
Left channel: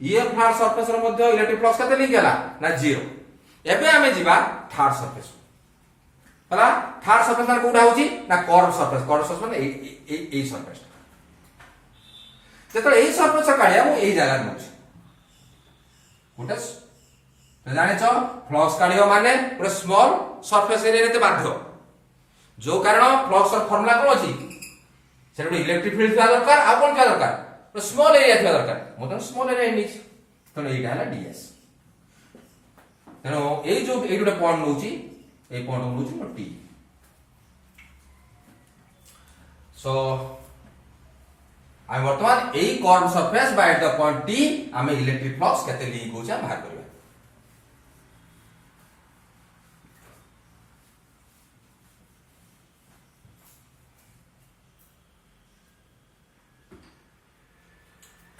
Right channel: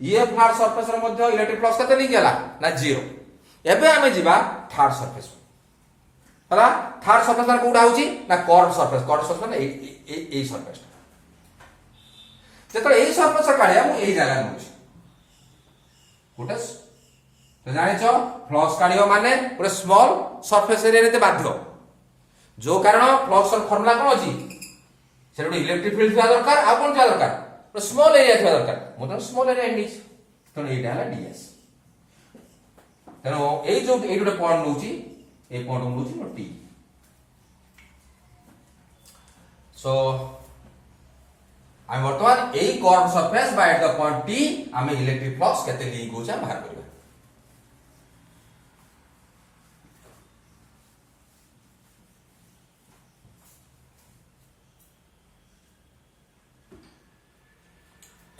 ये फ्लैट सरफेस रो मध्ये इलेक्ट्रिक फ्लक्स केते लिंक हला ना 0. एबे आमे जिबा थर्ड सरफेस हला, थर्ड सरफेस माने कोडा होची ना कर्व सरफेस माने ए सरफेस. जेतले ए सरफेस काढिया मु ए जागा नउची गोटे तो जाने छ फ्लक्स काढियो माने गोटे स्मॉल सरफेस एरिया रे बाध्य, जो कारण फ्लक्स र फार्मूला कोन अछि से गोटे इलेक्ट्रिक फील्ड थिया दरकार, आ कोन थिया दरकार तो स्मॉल एरिया थिया दरकार, मतलब स्मॉल एरिया इंडिच. तो एटा हला ds. तेनो ए जो ए गोटे पॉइंट नउची, ए पॉइंट नउची नो t. सो आम वर्तमान ए curve surface by at the point t आमे इलेक्ट्रिक फ्लक्स केते लिंक होचा बाहर करिया.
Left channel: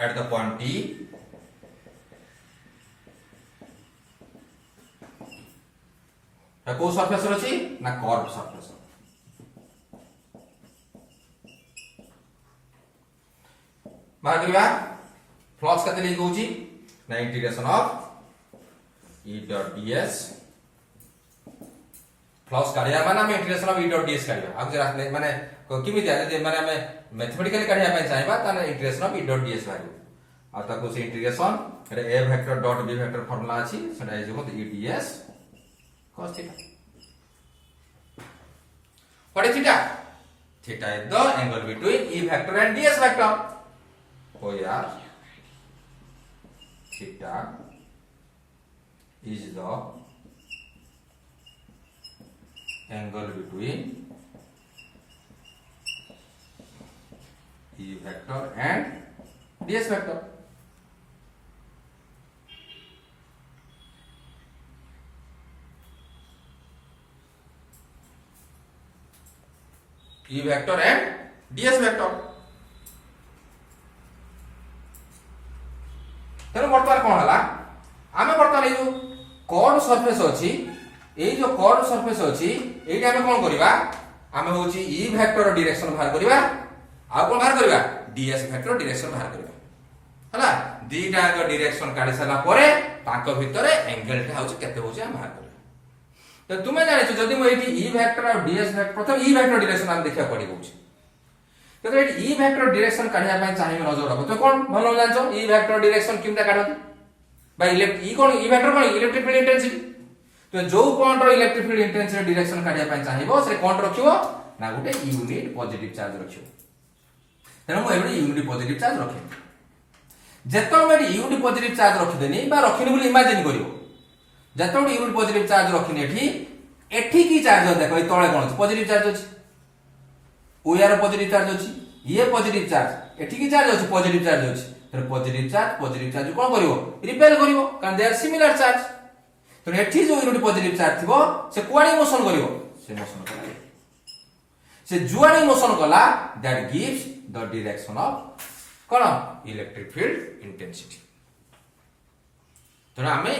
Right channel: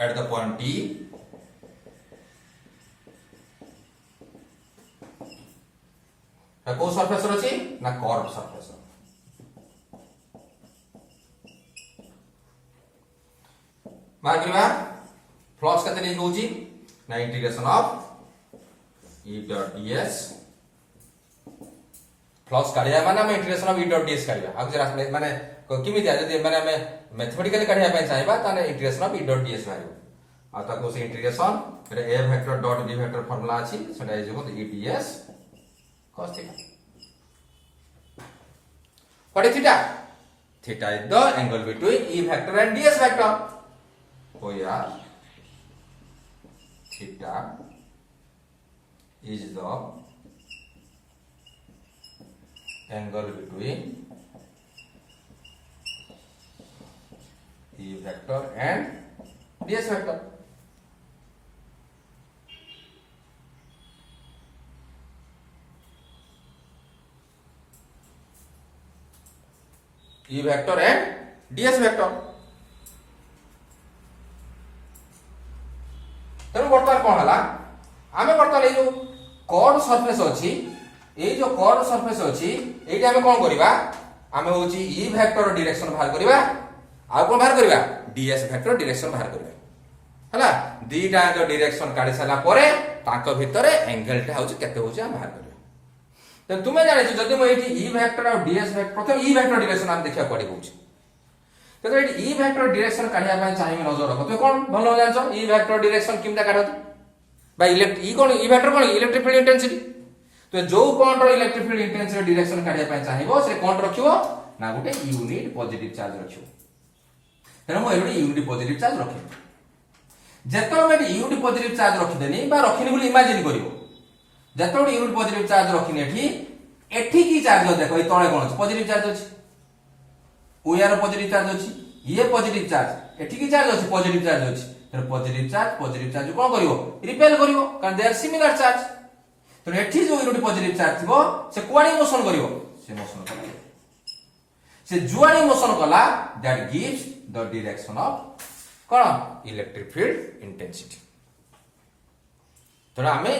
At the point T, को सरफेस अछि ना कर्व सरफेस. बाहर करिबा फ्लक्स केते लिंक होची ना integration of E dot ds. Flux काढिया माने हम integration of E dot ds काढिया. अब जरा माने किमि दिया जे माने हम मैथमेटिकली काढिया पय चाहबा ताने integration of E dot ds भाइयो. आ ताको से इंटीग्रेशन एटा a vector dot b vector formula अछि, सेटा is equal to E ds cos theta. What is theta? Theta is the angle between E vector and ds vector. So here theta is the angle between E vector and ds vector. E vector and ds vector. तेणु बर्तमान कौन हला, आमे बर्तमान ए जो curve surface अछि, ए जो curve surface अछि एटी आमे कोन करिबा, आमे होची E वेक्टर डायरेक्शन बाहर करिबा, आ कोन बाहर करिबा ds वेक्टर डायरेक्शन बाहर करिबा. हला दीटा का डायरेक्शन काढी साला परे तांको भितरे एंगल टा होची केते होची हम बाहर करिबा. तो तुमे जाने छ जदी म एटी E वेक्टर और ds वेक्टर प्रथम E वेक्टर डायरेक्शन हम देखिया पड़ी होची. तो एटी E वेक्टर डायरेक्शन काढिया पय चाहिए नजर रखो. तो कोन भलो जानछो E वेक्टर डायरेक्शन किमता काढोती बाय E कोन E वेक्टर कोन इलेक्ट्रिक फील्ड इंटेंसिटी. तो जो कोन रो इलेक्ट्रिक फील्ड इंटेंसिटी डायरेक्शन काढिया पय चाहिबो से कोन रखिबो ना गुटे यूनिट पॉजिटिव चार्ज रखिबो. तेनो म एबडी यूनिट पॉजिटिव चार्ज रखे. जेतो मे यूनिट पॉजिटिव चार्ज रखि देनी बा रखिनी बोली इमेजिन करिवो. जेतो यूनिट पॉजिटिव चार्ज रखिनी एठी की चार्ज देखो ए तळे कोन पॉजिटिव चार्ज अछि, ओयार पॉजिटिव चार्ज अछि, ये पॉजिटिव चार्ज एठी की चार्ज अछि पॉजिटिव चार्ज अछि. फिर पॉजिटिव चार्ज कोन करिवो रिपेल करिवो कारण दे आर सिमिलर चार्ज. तो एठी जो यूनिट पॉजिटिव चार्ज थिबो से कुआडी मोशन करिवो, से मोशन करिवो, से जुआडी मोशन कला that gives the direction of cone electric field intensity. तो आमे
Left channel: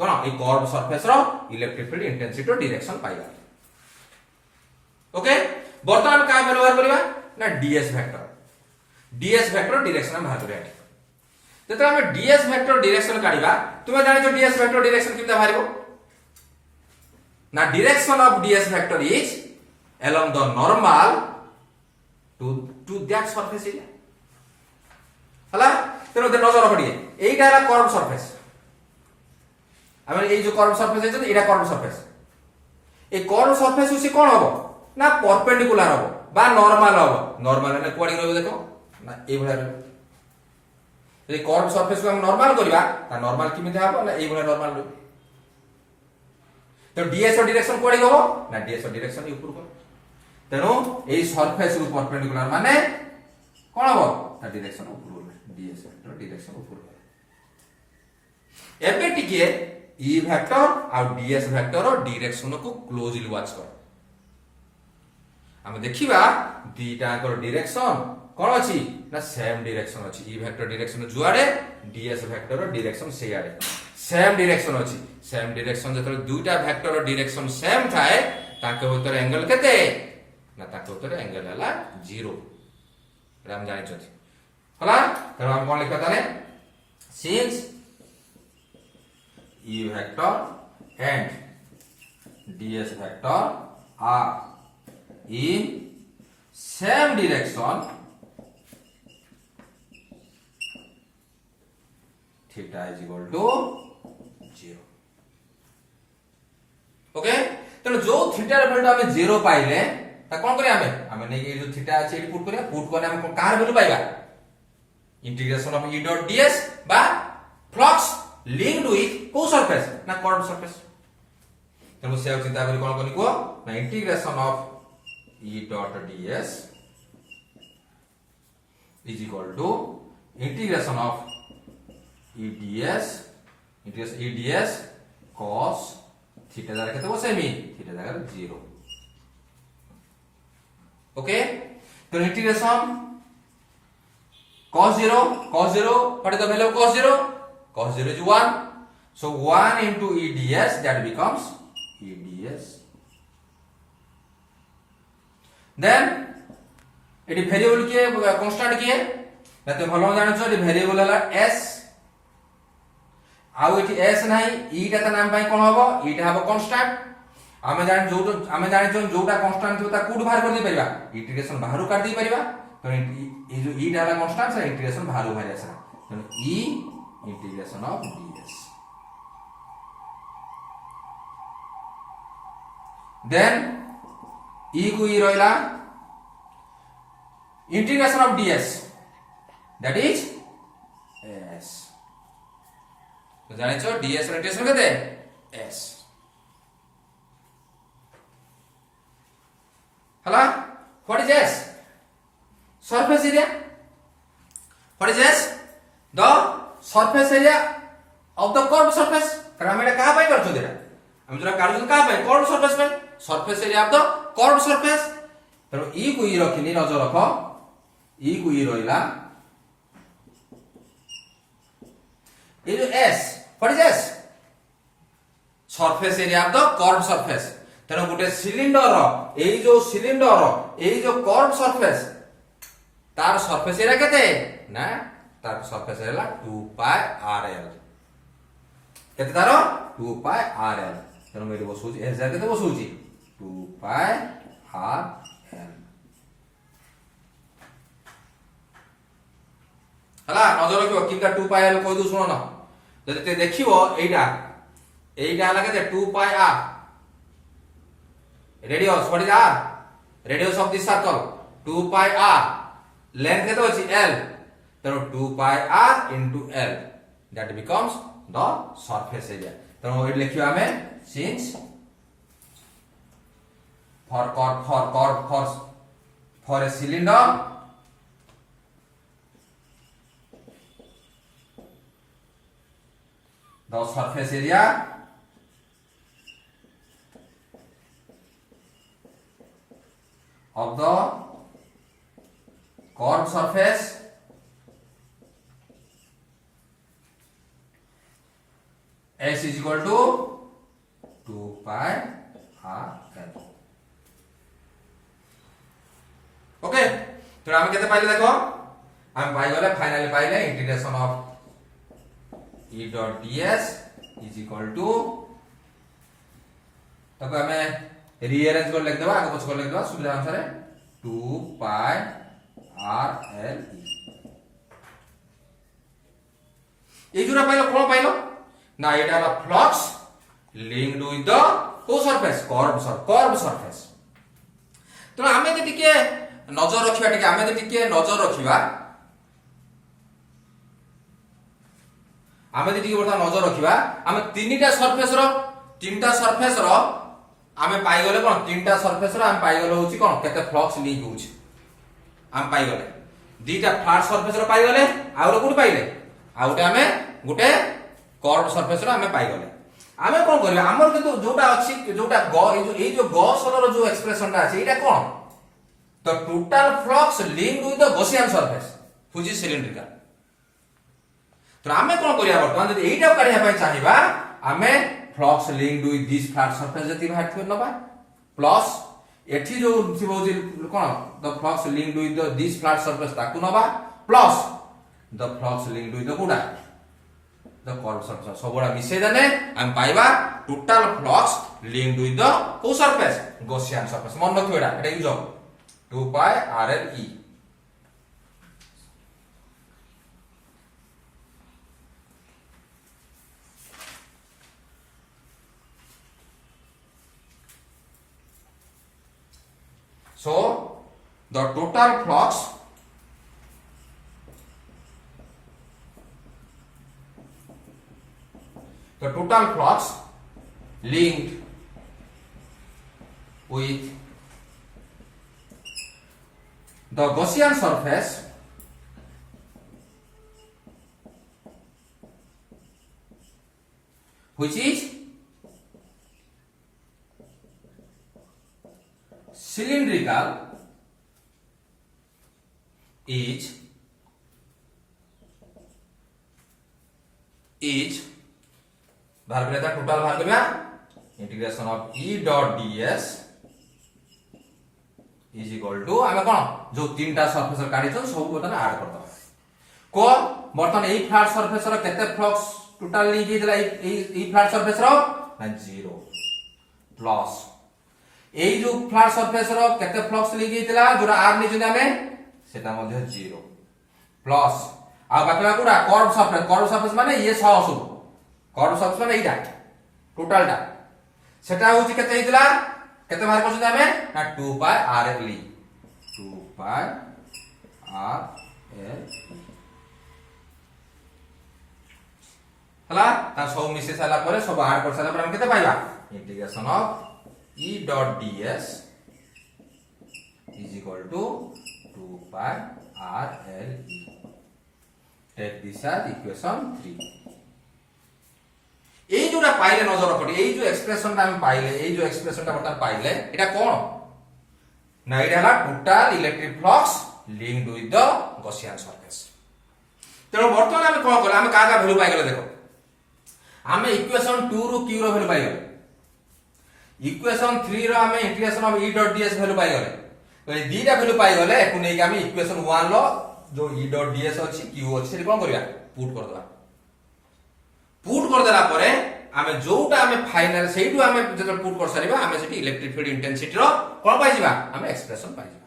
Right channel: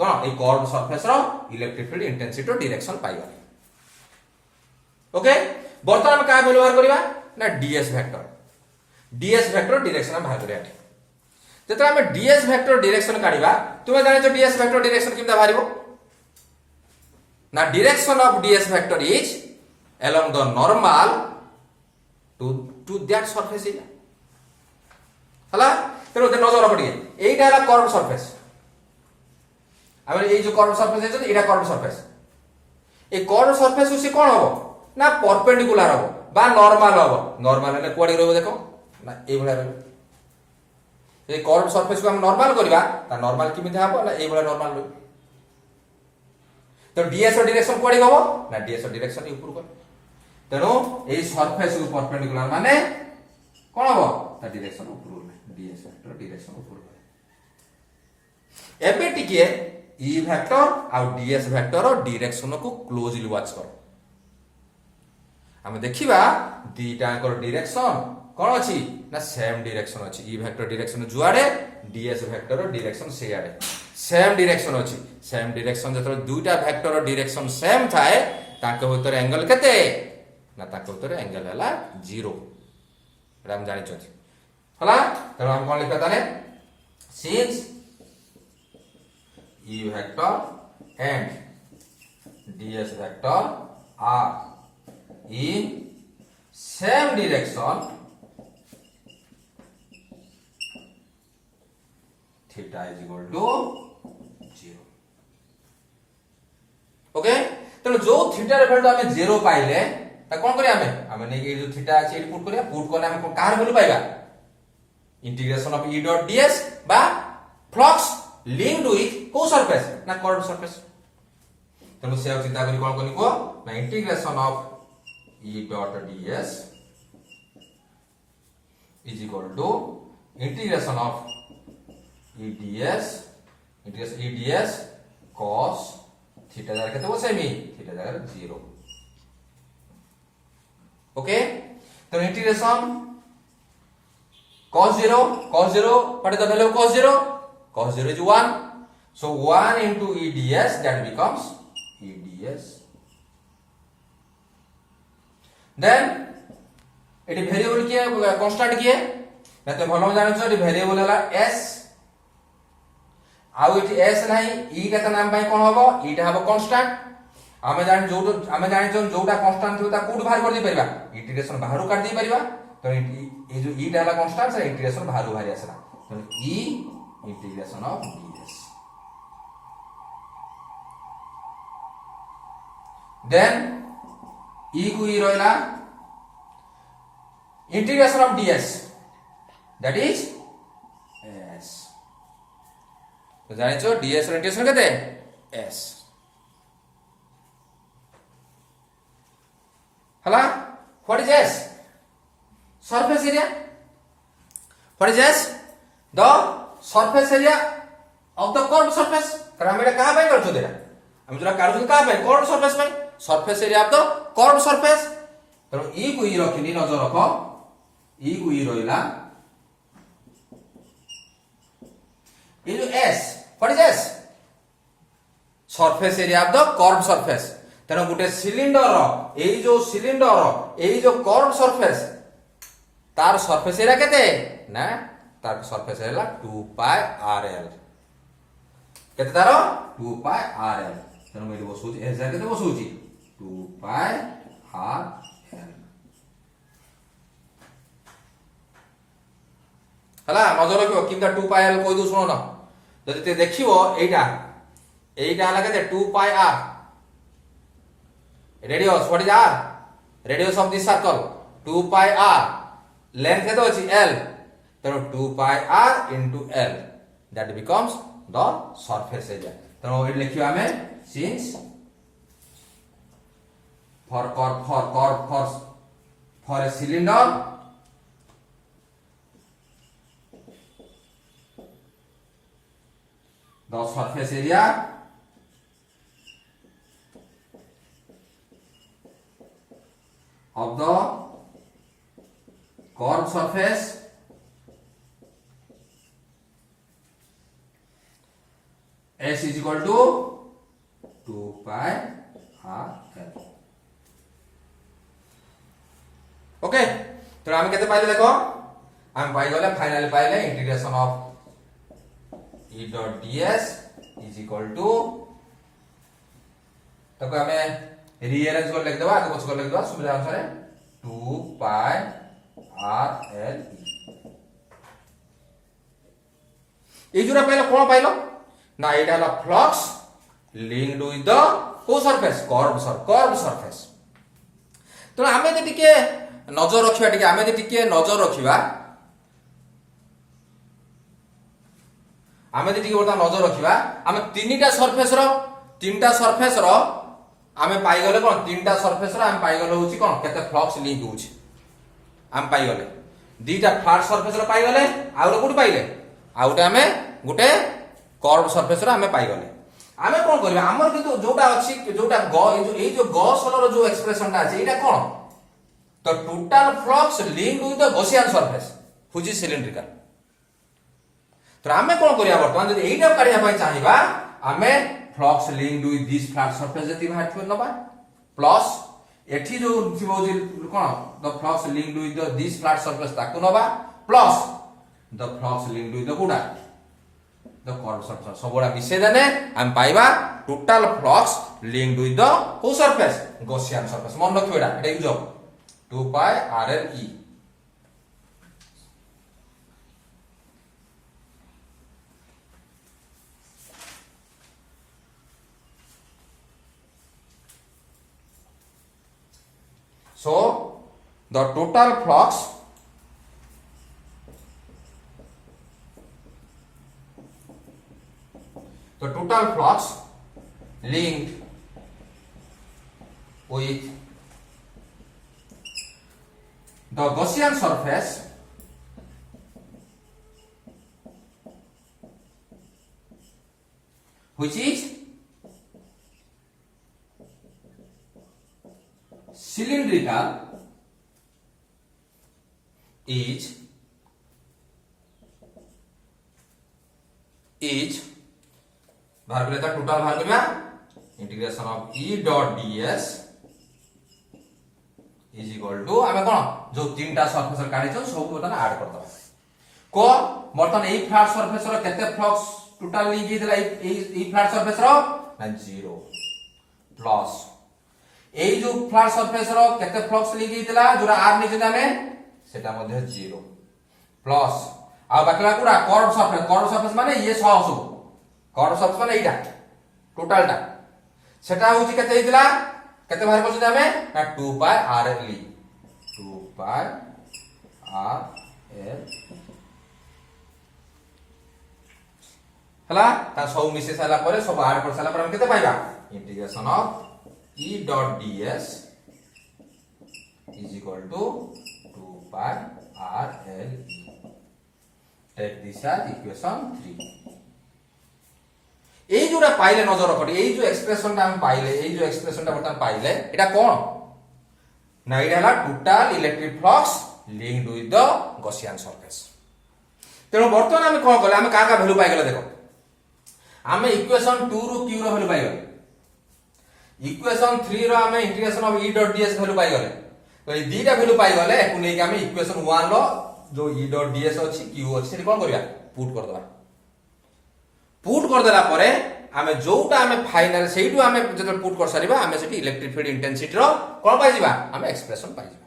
कोन ए कर्व सरफेस रो इलेक्ट्रिक फील्ड इंटेंसिटी रो डायरेक्शन पाइबा. ओके, वर्तमान का व्यवहार करिबा ना ds वेक्टर डायरेक्शन हम बाहर करिया. जतो आमे ds वेक्टर डायरेक्शन काढिबा तुमे जानि छ ds वेक्टर डायरेक्शन किमता बाहरिबो ना direction of ds vector is along the normal to that surface area. हला तेरो नजर पड़ी एटा हला कर्व सरफेस. आमे ए जो कर्व सरफेस है एटा कर्व सरफेस. ए कर्व सरफेस उसी कोन हबो ना परपेंडिकुलर हबो बा नॉर्मल हबो. नॉर्मल ने कोडी रहबो देखो ना ए भला रहबो. ए कर्व सरफेस को हम नॉर्मल करिबा ता नॉर्मल किमिते हबो ना ए भला नॉर्मल रहबो. तो ds डायरेक्शन कोडी हबो ना ds डायरेक्शन ऊपर को. तेनो ए सरफेस को परपेंडिकुलर माने कोन हबो ता डायरेक्शन ऊपर ds डायरेक्शन ऊपर. एबे टिके ई वेक्टर आ डीएस वेक्टर डायरेक्शन को क्लोजली वॉच कर आमे देखिबा दीटांकर डायरेक्शन कोन अछि ना सेम डायरेक्शन अछि ई वेक्टर डायरेक्शन जुआडे डीएस वेक्टर डायरेक्शन से आडे सेम डायरेक्शन अछि सेम डायरेक्शन जतरे दुटा वेक्टर डायरेक्शन सेम थाए ताके भीतर एंगल केते ना ताके भीतर एंगल हला 0 हम जानि छथि हला त हम कोन लिखता ताने since E vector and ds vector are in same direction, theta is equal to 0. Okay तो जो थीटा रे वैल्यू हमें 0 पाइले त कोन करिया हमें नै जो थीटा अछि एटी पुट करिया पुट करना हम कार वैल्यू पाइबा integration of E dot ds बा फ्लक्स linked with को सरफेस ना कर्व सरफेस तेणु से चिंता करी कोन कनी को ना integration of E dot ds is equal to integration of E ds cos theta जगह केते बसे मी थीटा जगह 0 ओके तो integration cos 0 what is the value of cos 0 cos 0 is 1 so 1 into E ds that becomes E ds then it is variable किए constant किए ना तो भलो जानो छ variable हला s आउ एटी s नाही e केता नाम पाई कोन हबो e टा हबो constant आमे जानि जोटा constant थियो ता कोड बाहर कर दी परिबा इंटीग्रेशन बाहर कर दी परिबा तो ये जो e टा हला constant से इंटीग्रेशन बाहर बाहर आसला तो e integration of ds then e को e रोइला integration of ds that is s तो जाने छो ds ର इंटीग्रेशन केते s हला what is s surface area what is s the surface area of the curved surface कारण हम एटा का पाई करछु देरा हम जरा काढछु का पाई curved surface pi surface area of the curved surface तो e को e रखिनी नजर रखो e को e रोइला ये जो s what is s surface area of the curved surface तेनो गुटे सिलिंडर एई जो सिलिंडर एई जो कर्व सरफेस तार सरफेस एरिया केते ना तार सरफेस एरिया 2 पाई rl केते तार 2 पाई rl तेनो मेरे बसुची एस जा केते बसुची 2 पाई rl हला नजर रखियो किंता 2 पाई l कोइ दु सुनो ना जदि ते देखियो एइटा हला केते 2 पाई r radius what is r radius of this circle 2 pi r length केतो अछि l तेनो 2 pi r into l that becomes the surface area तेनो एट लिखियो हमें since for a cylinder the surface area of the curved surface s is equal to 2 pi rl okay तो हम केते पाइले देखो हम पाइ गले फाइनली पाइले integration of e dot ds is equal to तको हमें रीअरेंज कर लिख देबा आगे पछ कर लिख देबा सुविधा अनुसार 2 pi rl ए जुरा पाइलो कोन पाइलो ना एटा हला फ्लक्स लिंक्ड विथ द को सरफेस कर्व सरफेस तो हमें जे टिके नजर रखिबा टिके हमें जे टिके नजर रखिबा हमें जे टिके बता नजर रखिबा हमें तीनटा सरफेस रो आमे पाई गले कोन तीनटा सरफेस रो हम पाई गले होची कोन केते फ्लक्स लिंक होची हम पाई गले दीटा फ्लैट सरफेस रो पाई गले आउटा कोड पाइले आउटा हमें गुटे कर्व सरफेस रो हमें पाई गले आमे कोन करिया हमर किंतु जोटा अछि जोटा ग ए जो गॉस लो जो एक्सप्रेशन ता अछि एटा कोन तो total flux linked with the Gaussian surface which is cylindrical तो आमे कोन करिया वर्तमान जदि एटा काढिया पय चाहिबा आमे flux linked with this flat surface जति बाहर थो नबा प्लस एठी जो थिबो जे कोन the flux linked with this flat surface ताकु नबा plus the flux linked with the गुडा द कर्व सरफेस सबोडा मिसे देने हम पाइबा total flux linked with the को सरफेस गॉसियन सरफेस मन रखियो एटा यूज हो 2 पाई rl e so the total flux linked with the Gaussian surface which is cylindrical is बाहर कर लेता टोटल बाहर करना integration of E dot ds is equal to हमें कोन जो तीनटा सरफेस काढी छ सब बटन ऐड कर दबा को बर्तन ए फ्लैट सरफेस रो केते फ्लक्स टोटल ली दिला ए फ्लैट सरफेस रो ना 0 प्लस ए जो फ्लैट सरफेस रो केते फ्लक्स ली दिला जोरा r नि जिना में सेटा मध्ये 0 प्लस आ बाकला कुडा कर्व सरफेस माने ये 100 सब कर्व सरफेस माने एटा टोटल टा सेटा होची केते हितला केते बाहर करछ हमें ना 2 पाई rl 2 पाई rl हला ता सब मिसे साला परे सब ऐड कर साला पर हम केते पाइबा integration of E dot ds is equal to 2 pi rl take this as equation 3 এই जोरा पाइले नजर रखो এই जो एक्सप्रेशन ता हम पाइले এই जो एक्सप्रेशन ता बता पाइले एटा कोन ना एटा हला total electric flux linked with the Gaussian surface तेरो वर्तमान हम कोन करले हम का वैल्यू पाइ गेले देखो हमें इक्वेशन 2 रो q रो वैल्यू पाइ गेले इक्वेशन 3 रो हमें integration of E dot ds value पाइ गेले तो ए दीटा वैल्यू पाइ गेले एकु नै कि हम इक्वेशन 1 रो जो E डॉट ds अछि q अछि से कोन करिया पुट कर दबा पुट कर देला परे आमे जोटा आमे फाइनल सेइटु आमे जब पुट कर सारिबा आमे सेठी इलेक्ट्रिक फील्ड इंटेंसिटी रो कोन पाइ जिबा आमे एक्सप्रेशन पाइ जिबा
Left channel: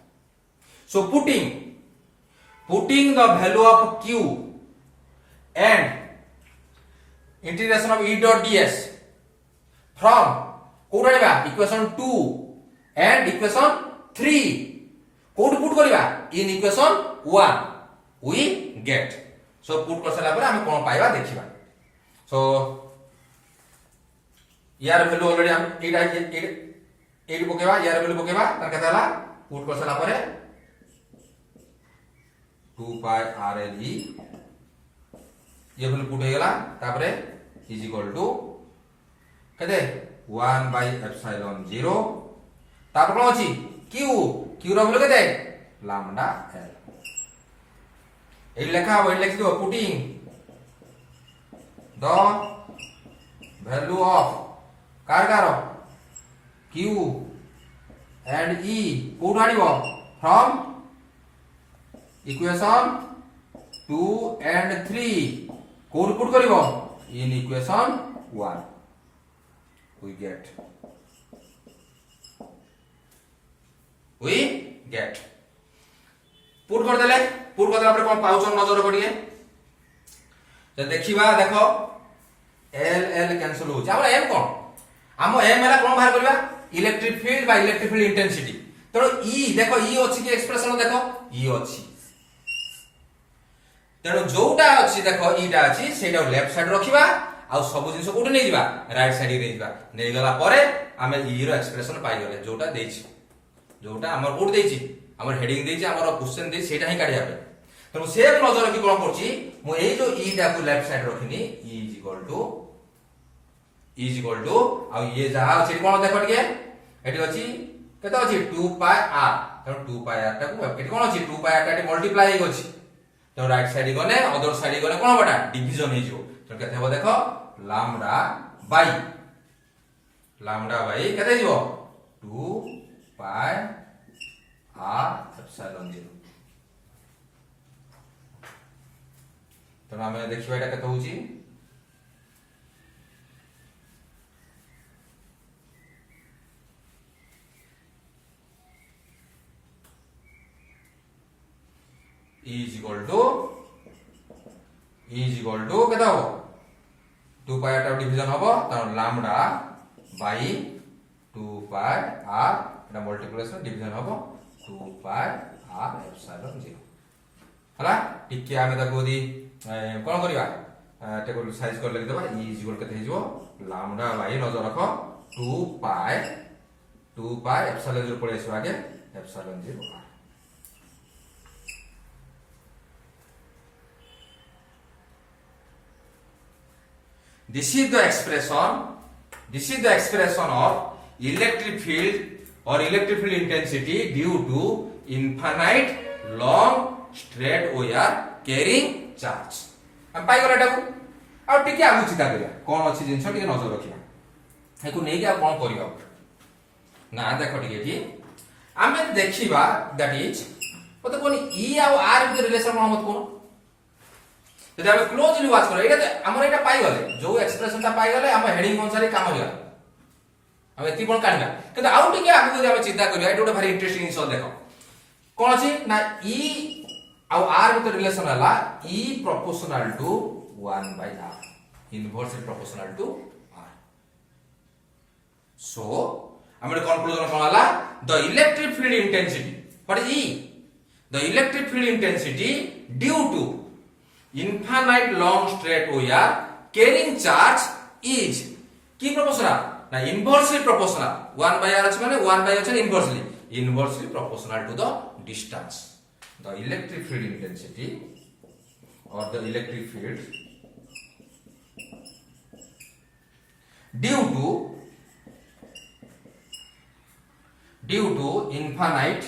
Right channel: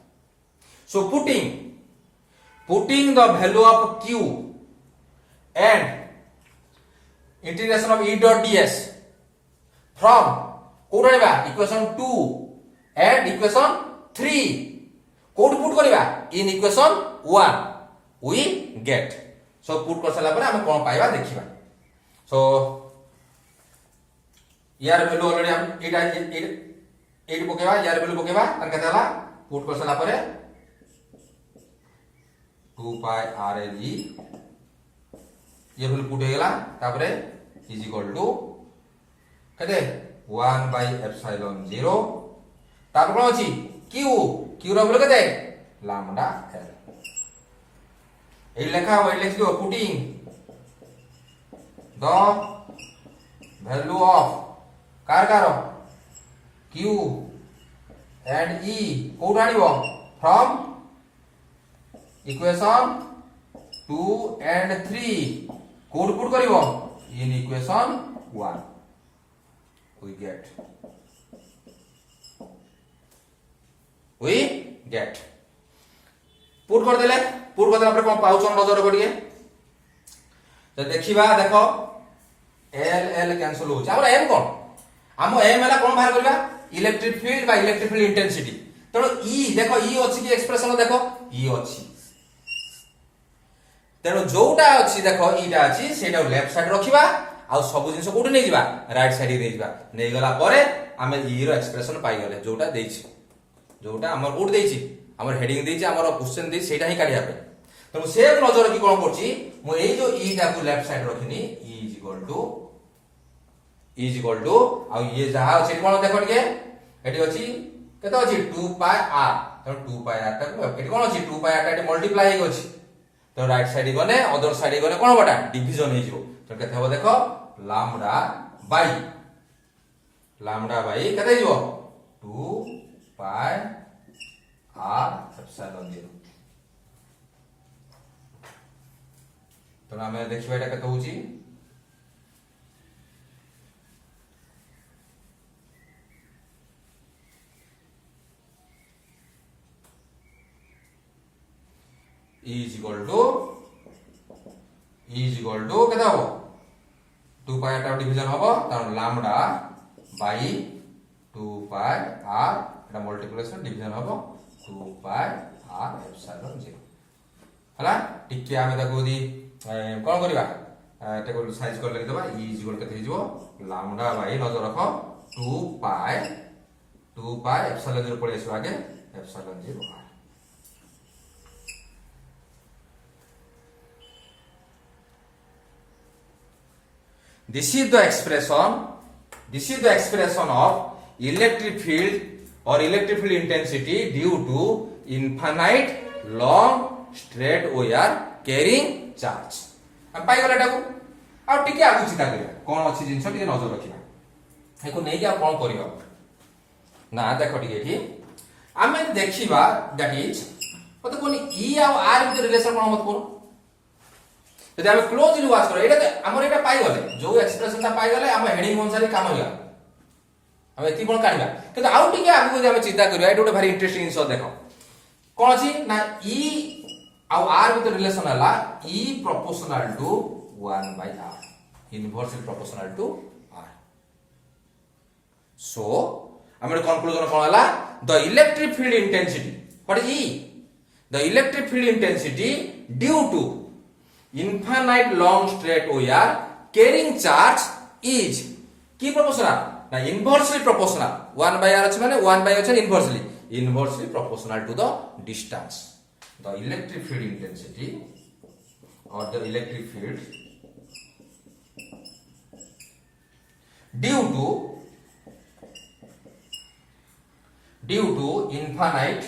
so putting the value of q and integration of E dot ds from कोडा इक्वेशन 2 and इक्वेशन 3 कोड पुट करिबा in equation 1 we get so put कर साला परे आमे कोन पाइबा देखिबा so यार वैल्यू ऑलरेडी हम एडी पकेबा यार वैल्यू पकेबा तर केता हला पुट कर साला परे 2 पाई rl e ये वैल्यू पुट हो गेला तापरे इज इक्वल टू केते 1 by epsilon 0 तापर कोन अछि q रो वैल्यू केते लैम्डा l ए लेखा हो लेख दो पुटिंग द वैल्यू ऑफ कार q and e कोड आनिबो फ्रॉम इक्वेशन 2 and 3 कोड पुट करिवो in equation 1 we get put कर देले पुट कर देला पर कोन पाउछ नजर पड़िए तो देखिबा देखो l कैंसिल हो जा हमरा m कोन हम m हला कोन बाहर करबा इलेक्ट्रिक फील्ड बा इलेक्ट्रिक फील्ड इंटेंसिटी तो e देखो e अछि कि एक्सप्रेशन देखो e अछि तेणु जोटा अछि देखो ईटा अछि सेटा लेफ्ट साइड रखिबा आ सब जिंस कोठी नै जिबा राइट साइड नै जिबा नै गला परे हमें e रो एक्सप्रेशन पाइ गले जोटा देछि जोटा हमर कोड देछि हमर हेडिंग देछि हमर क्वेश्चन देछि सेटा ही काढिया पे ତେଣୁ ସେ ନଜର ରଖି କଣ କରୁଛି ମୁଁ ଏଇ ଯୋଉ ଇ ଟାକୁ ଲେଫ୍ଟ ସାଇଡ ରଖିନି ଇ ଇଜ ଇକ୍ୱାଲ ଟୁ ଆଉ ଇଏ ଯାହା ଅଛି କଣ ଦେଖ ଟିକେ ଏଠି ଅଛି କେତେ ଅଛି 2 ପାଇ r ତେଣୁ 2 ପାଇ r ଟାକୁ ଏଠି କଣ ଅଛି 2 ପାଇ r ଟା ଏଠି ମଲ୍ଟିପ୍ଲାଇ ହେଇକି ଅଛି ତେଣୁ ରାଇଟ ସାଇଡ ଗଲେ ଅଦର ସାଇଡ ଗଲେ କଣ ହବଟା ডিভিশন ହେଇଯିବ ତେଣୁ କେତେ ହେବ ଦେଖ ଲାମ୍ଡା ବାଇ କେତେ ଯିବ 2 ପାଇ r एप्सिलॉन 0 ତେଣୁ ଆମେ ଦେଖିବା এটা କେତେ ହଉଛି E is equal to কেতে হবো 2 পাই r ডিভিশন হবো তার ল্যামডা বাই 2 পাই r এটা মল্টিপ্লিকেশন ডিভিশন হবো 2 পাই r এপসাইলন 0 হলা টিকে আমি তাকো দি কোন করিবা টেকো সাইজ করে লিখি দেবা E is equal কেতে হিজো ল্যামডা বাই নজর রাখো 2 পাই এপসাইলন 0 পড়ে আসবে আগে epsilon 0 r This is the expression of electric field or electric field intensity due to infinite long straight wire carrying charge. हम पाई गला टाको आ टिके आगु चिता करिया कोन अछि जिंस टिके नजर रखिया एको नै कि आ कोन करियो ना देखो टिके कि आमे देखिबा दैट इज मते कोन ई आ आर के रिलेशन कोन मत कोन যদি আমি ক্লোজলি ওয়াচ করি এটা আমরা এটা পাই গলে যে এক্সপ্রেশনটা পাই গলে আমি হেডিং অনুসারে কাম হইয়া আমি এতি কোন কানিবা কিন্তু আউ টিকে আগু যদি আমি চিন্তা করি এটা একটা ভারি ইন্টারেস্টিং জিনিস দেখো কোন আছে না ই আউ আর ভিতর রিলেশন হলা E proportional to 1/r inversely proportional to r so আমার কনক্লুশন কোন হলা the electric field intensity what is e the electric field intensity due to infinite long straight wire carrying charge is কি proportional না inversely proportional 1/r আছে মানে 1/r আছে inversely proportional to the distance the electric field intensity or the electric field due to infinite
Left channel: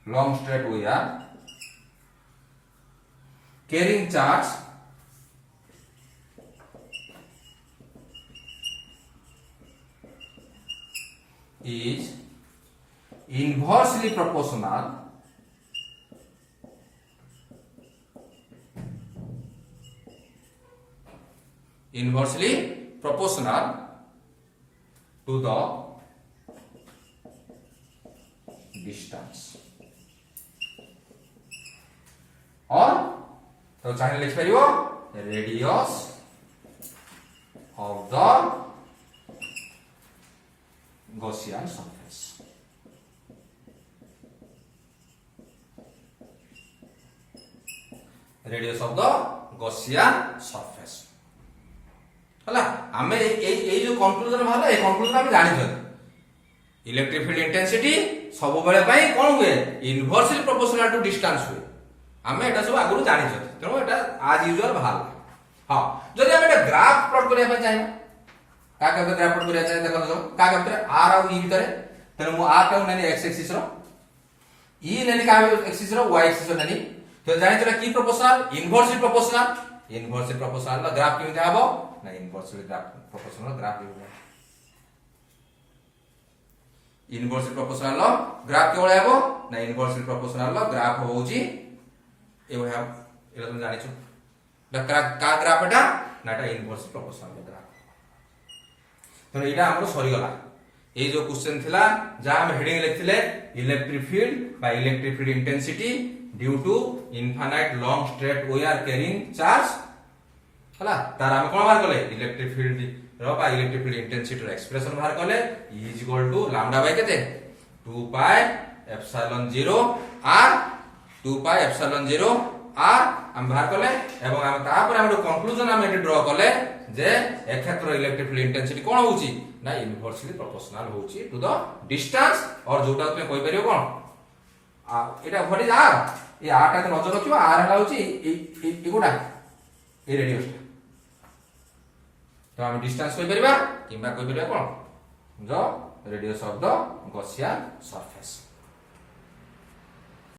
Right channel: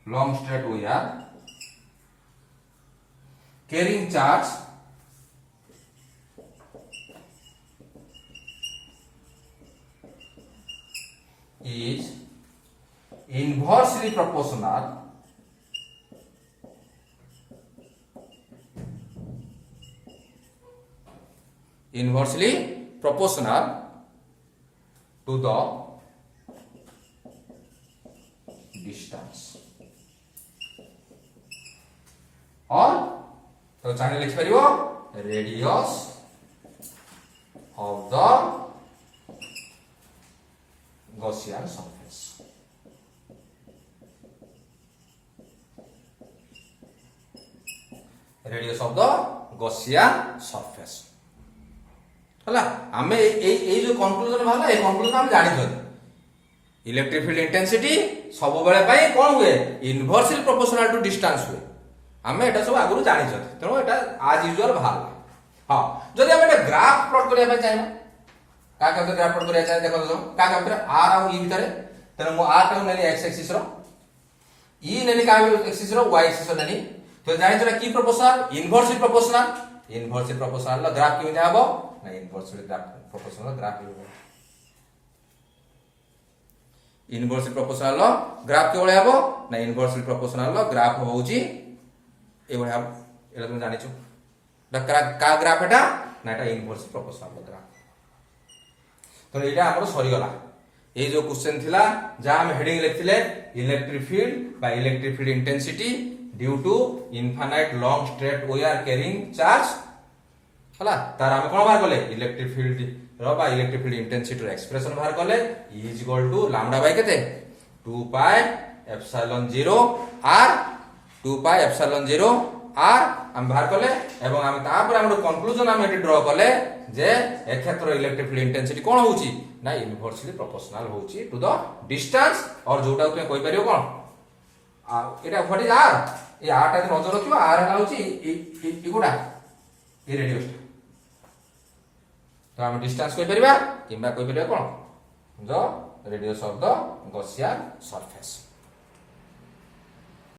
long straight wire carrying charge is inversely proportional to the distance or तो channel लिख परियो radius of the Gaussian surface radius of the Gaussian surface हला हमें ए जो conclusion भाला a conclusion हम जानि छ इलेक्ट्रिक फील्ड इंटेंसिटी सब बेले पई कोन हुए इनवर्सली प्रोपोर्शनल टू डिस्टेंस हुए हमें एटा सब आगुरु जानि छ तेनो एटा आज यूजुअल भाल हां जदि हम एटा ग्राफ प्लॉट करिया पे चाहिए का ग्राफ प्लॉट करिया चाहिए देखो तो का फिर r और e भीतर तेनो मु r टा नेने x एक्सिस रो e नेने का एक्सिस रो y एक्सिस रो नेने तो जानि छ की प्रोपोर्शनल इनवर्सली प्रोपोर्शनल ग्राफ केमिति हबो ना इनवर्सली ग्राफ प्रोपोर्शनल ग्राफ हो इनवर्सली प्रोपोर्शनल ग्राफ के भले हबो ना इनवर्सली प्रोपोर्शनल ग्राफ होउची ए भले हम एला तुम जानि छु डॉक्टर का ग्राफ एटा ना एटा इनवर्सली प्रोपोर्शनल ग्राफ तो एटा हमरो सरी गला ए जो क्वेश्चन थिला जा हम हेडिंग लिखथिले electric field by electric field intensity due to infinite long straight wire carrying charge हला तार हम कोन बार करले इलेक्ट्रिक फील्ड रो बा इलेक्ट्रिक फील्ड इंटेंसिटी रो एक्सप्रेशन बाहर करले E is equal to lambda by केते 2 pi epsilon 0 r 2 pi epsilon 0 r हम बाहर कले एवं हम तापर हम कंक्लूजन हम एटी ड्रा कले जे ए क्षेत्र इलेक्ट्रिक फील्ड इंटेंसिटी कोन होउची ना इनवर्सली प्रोपोर्शनल होउची टू द डिस्टेंस और जोटा तुमे कहि परियो कोन आ एटा व्हाट इज आर ए आर टा नजर रखियो आर हला होउची ए गुडा ए रेडियस तो हम डिस्टेंस कहि परिबा किबा कहि परिबा कोन the radius of the Gaussian surface.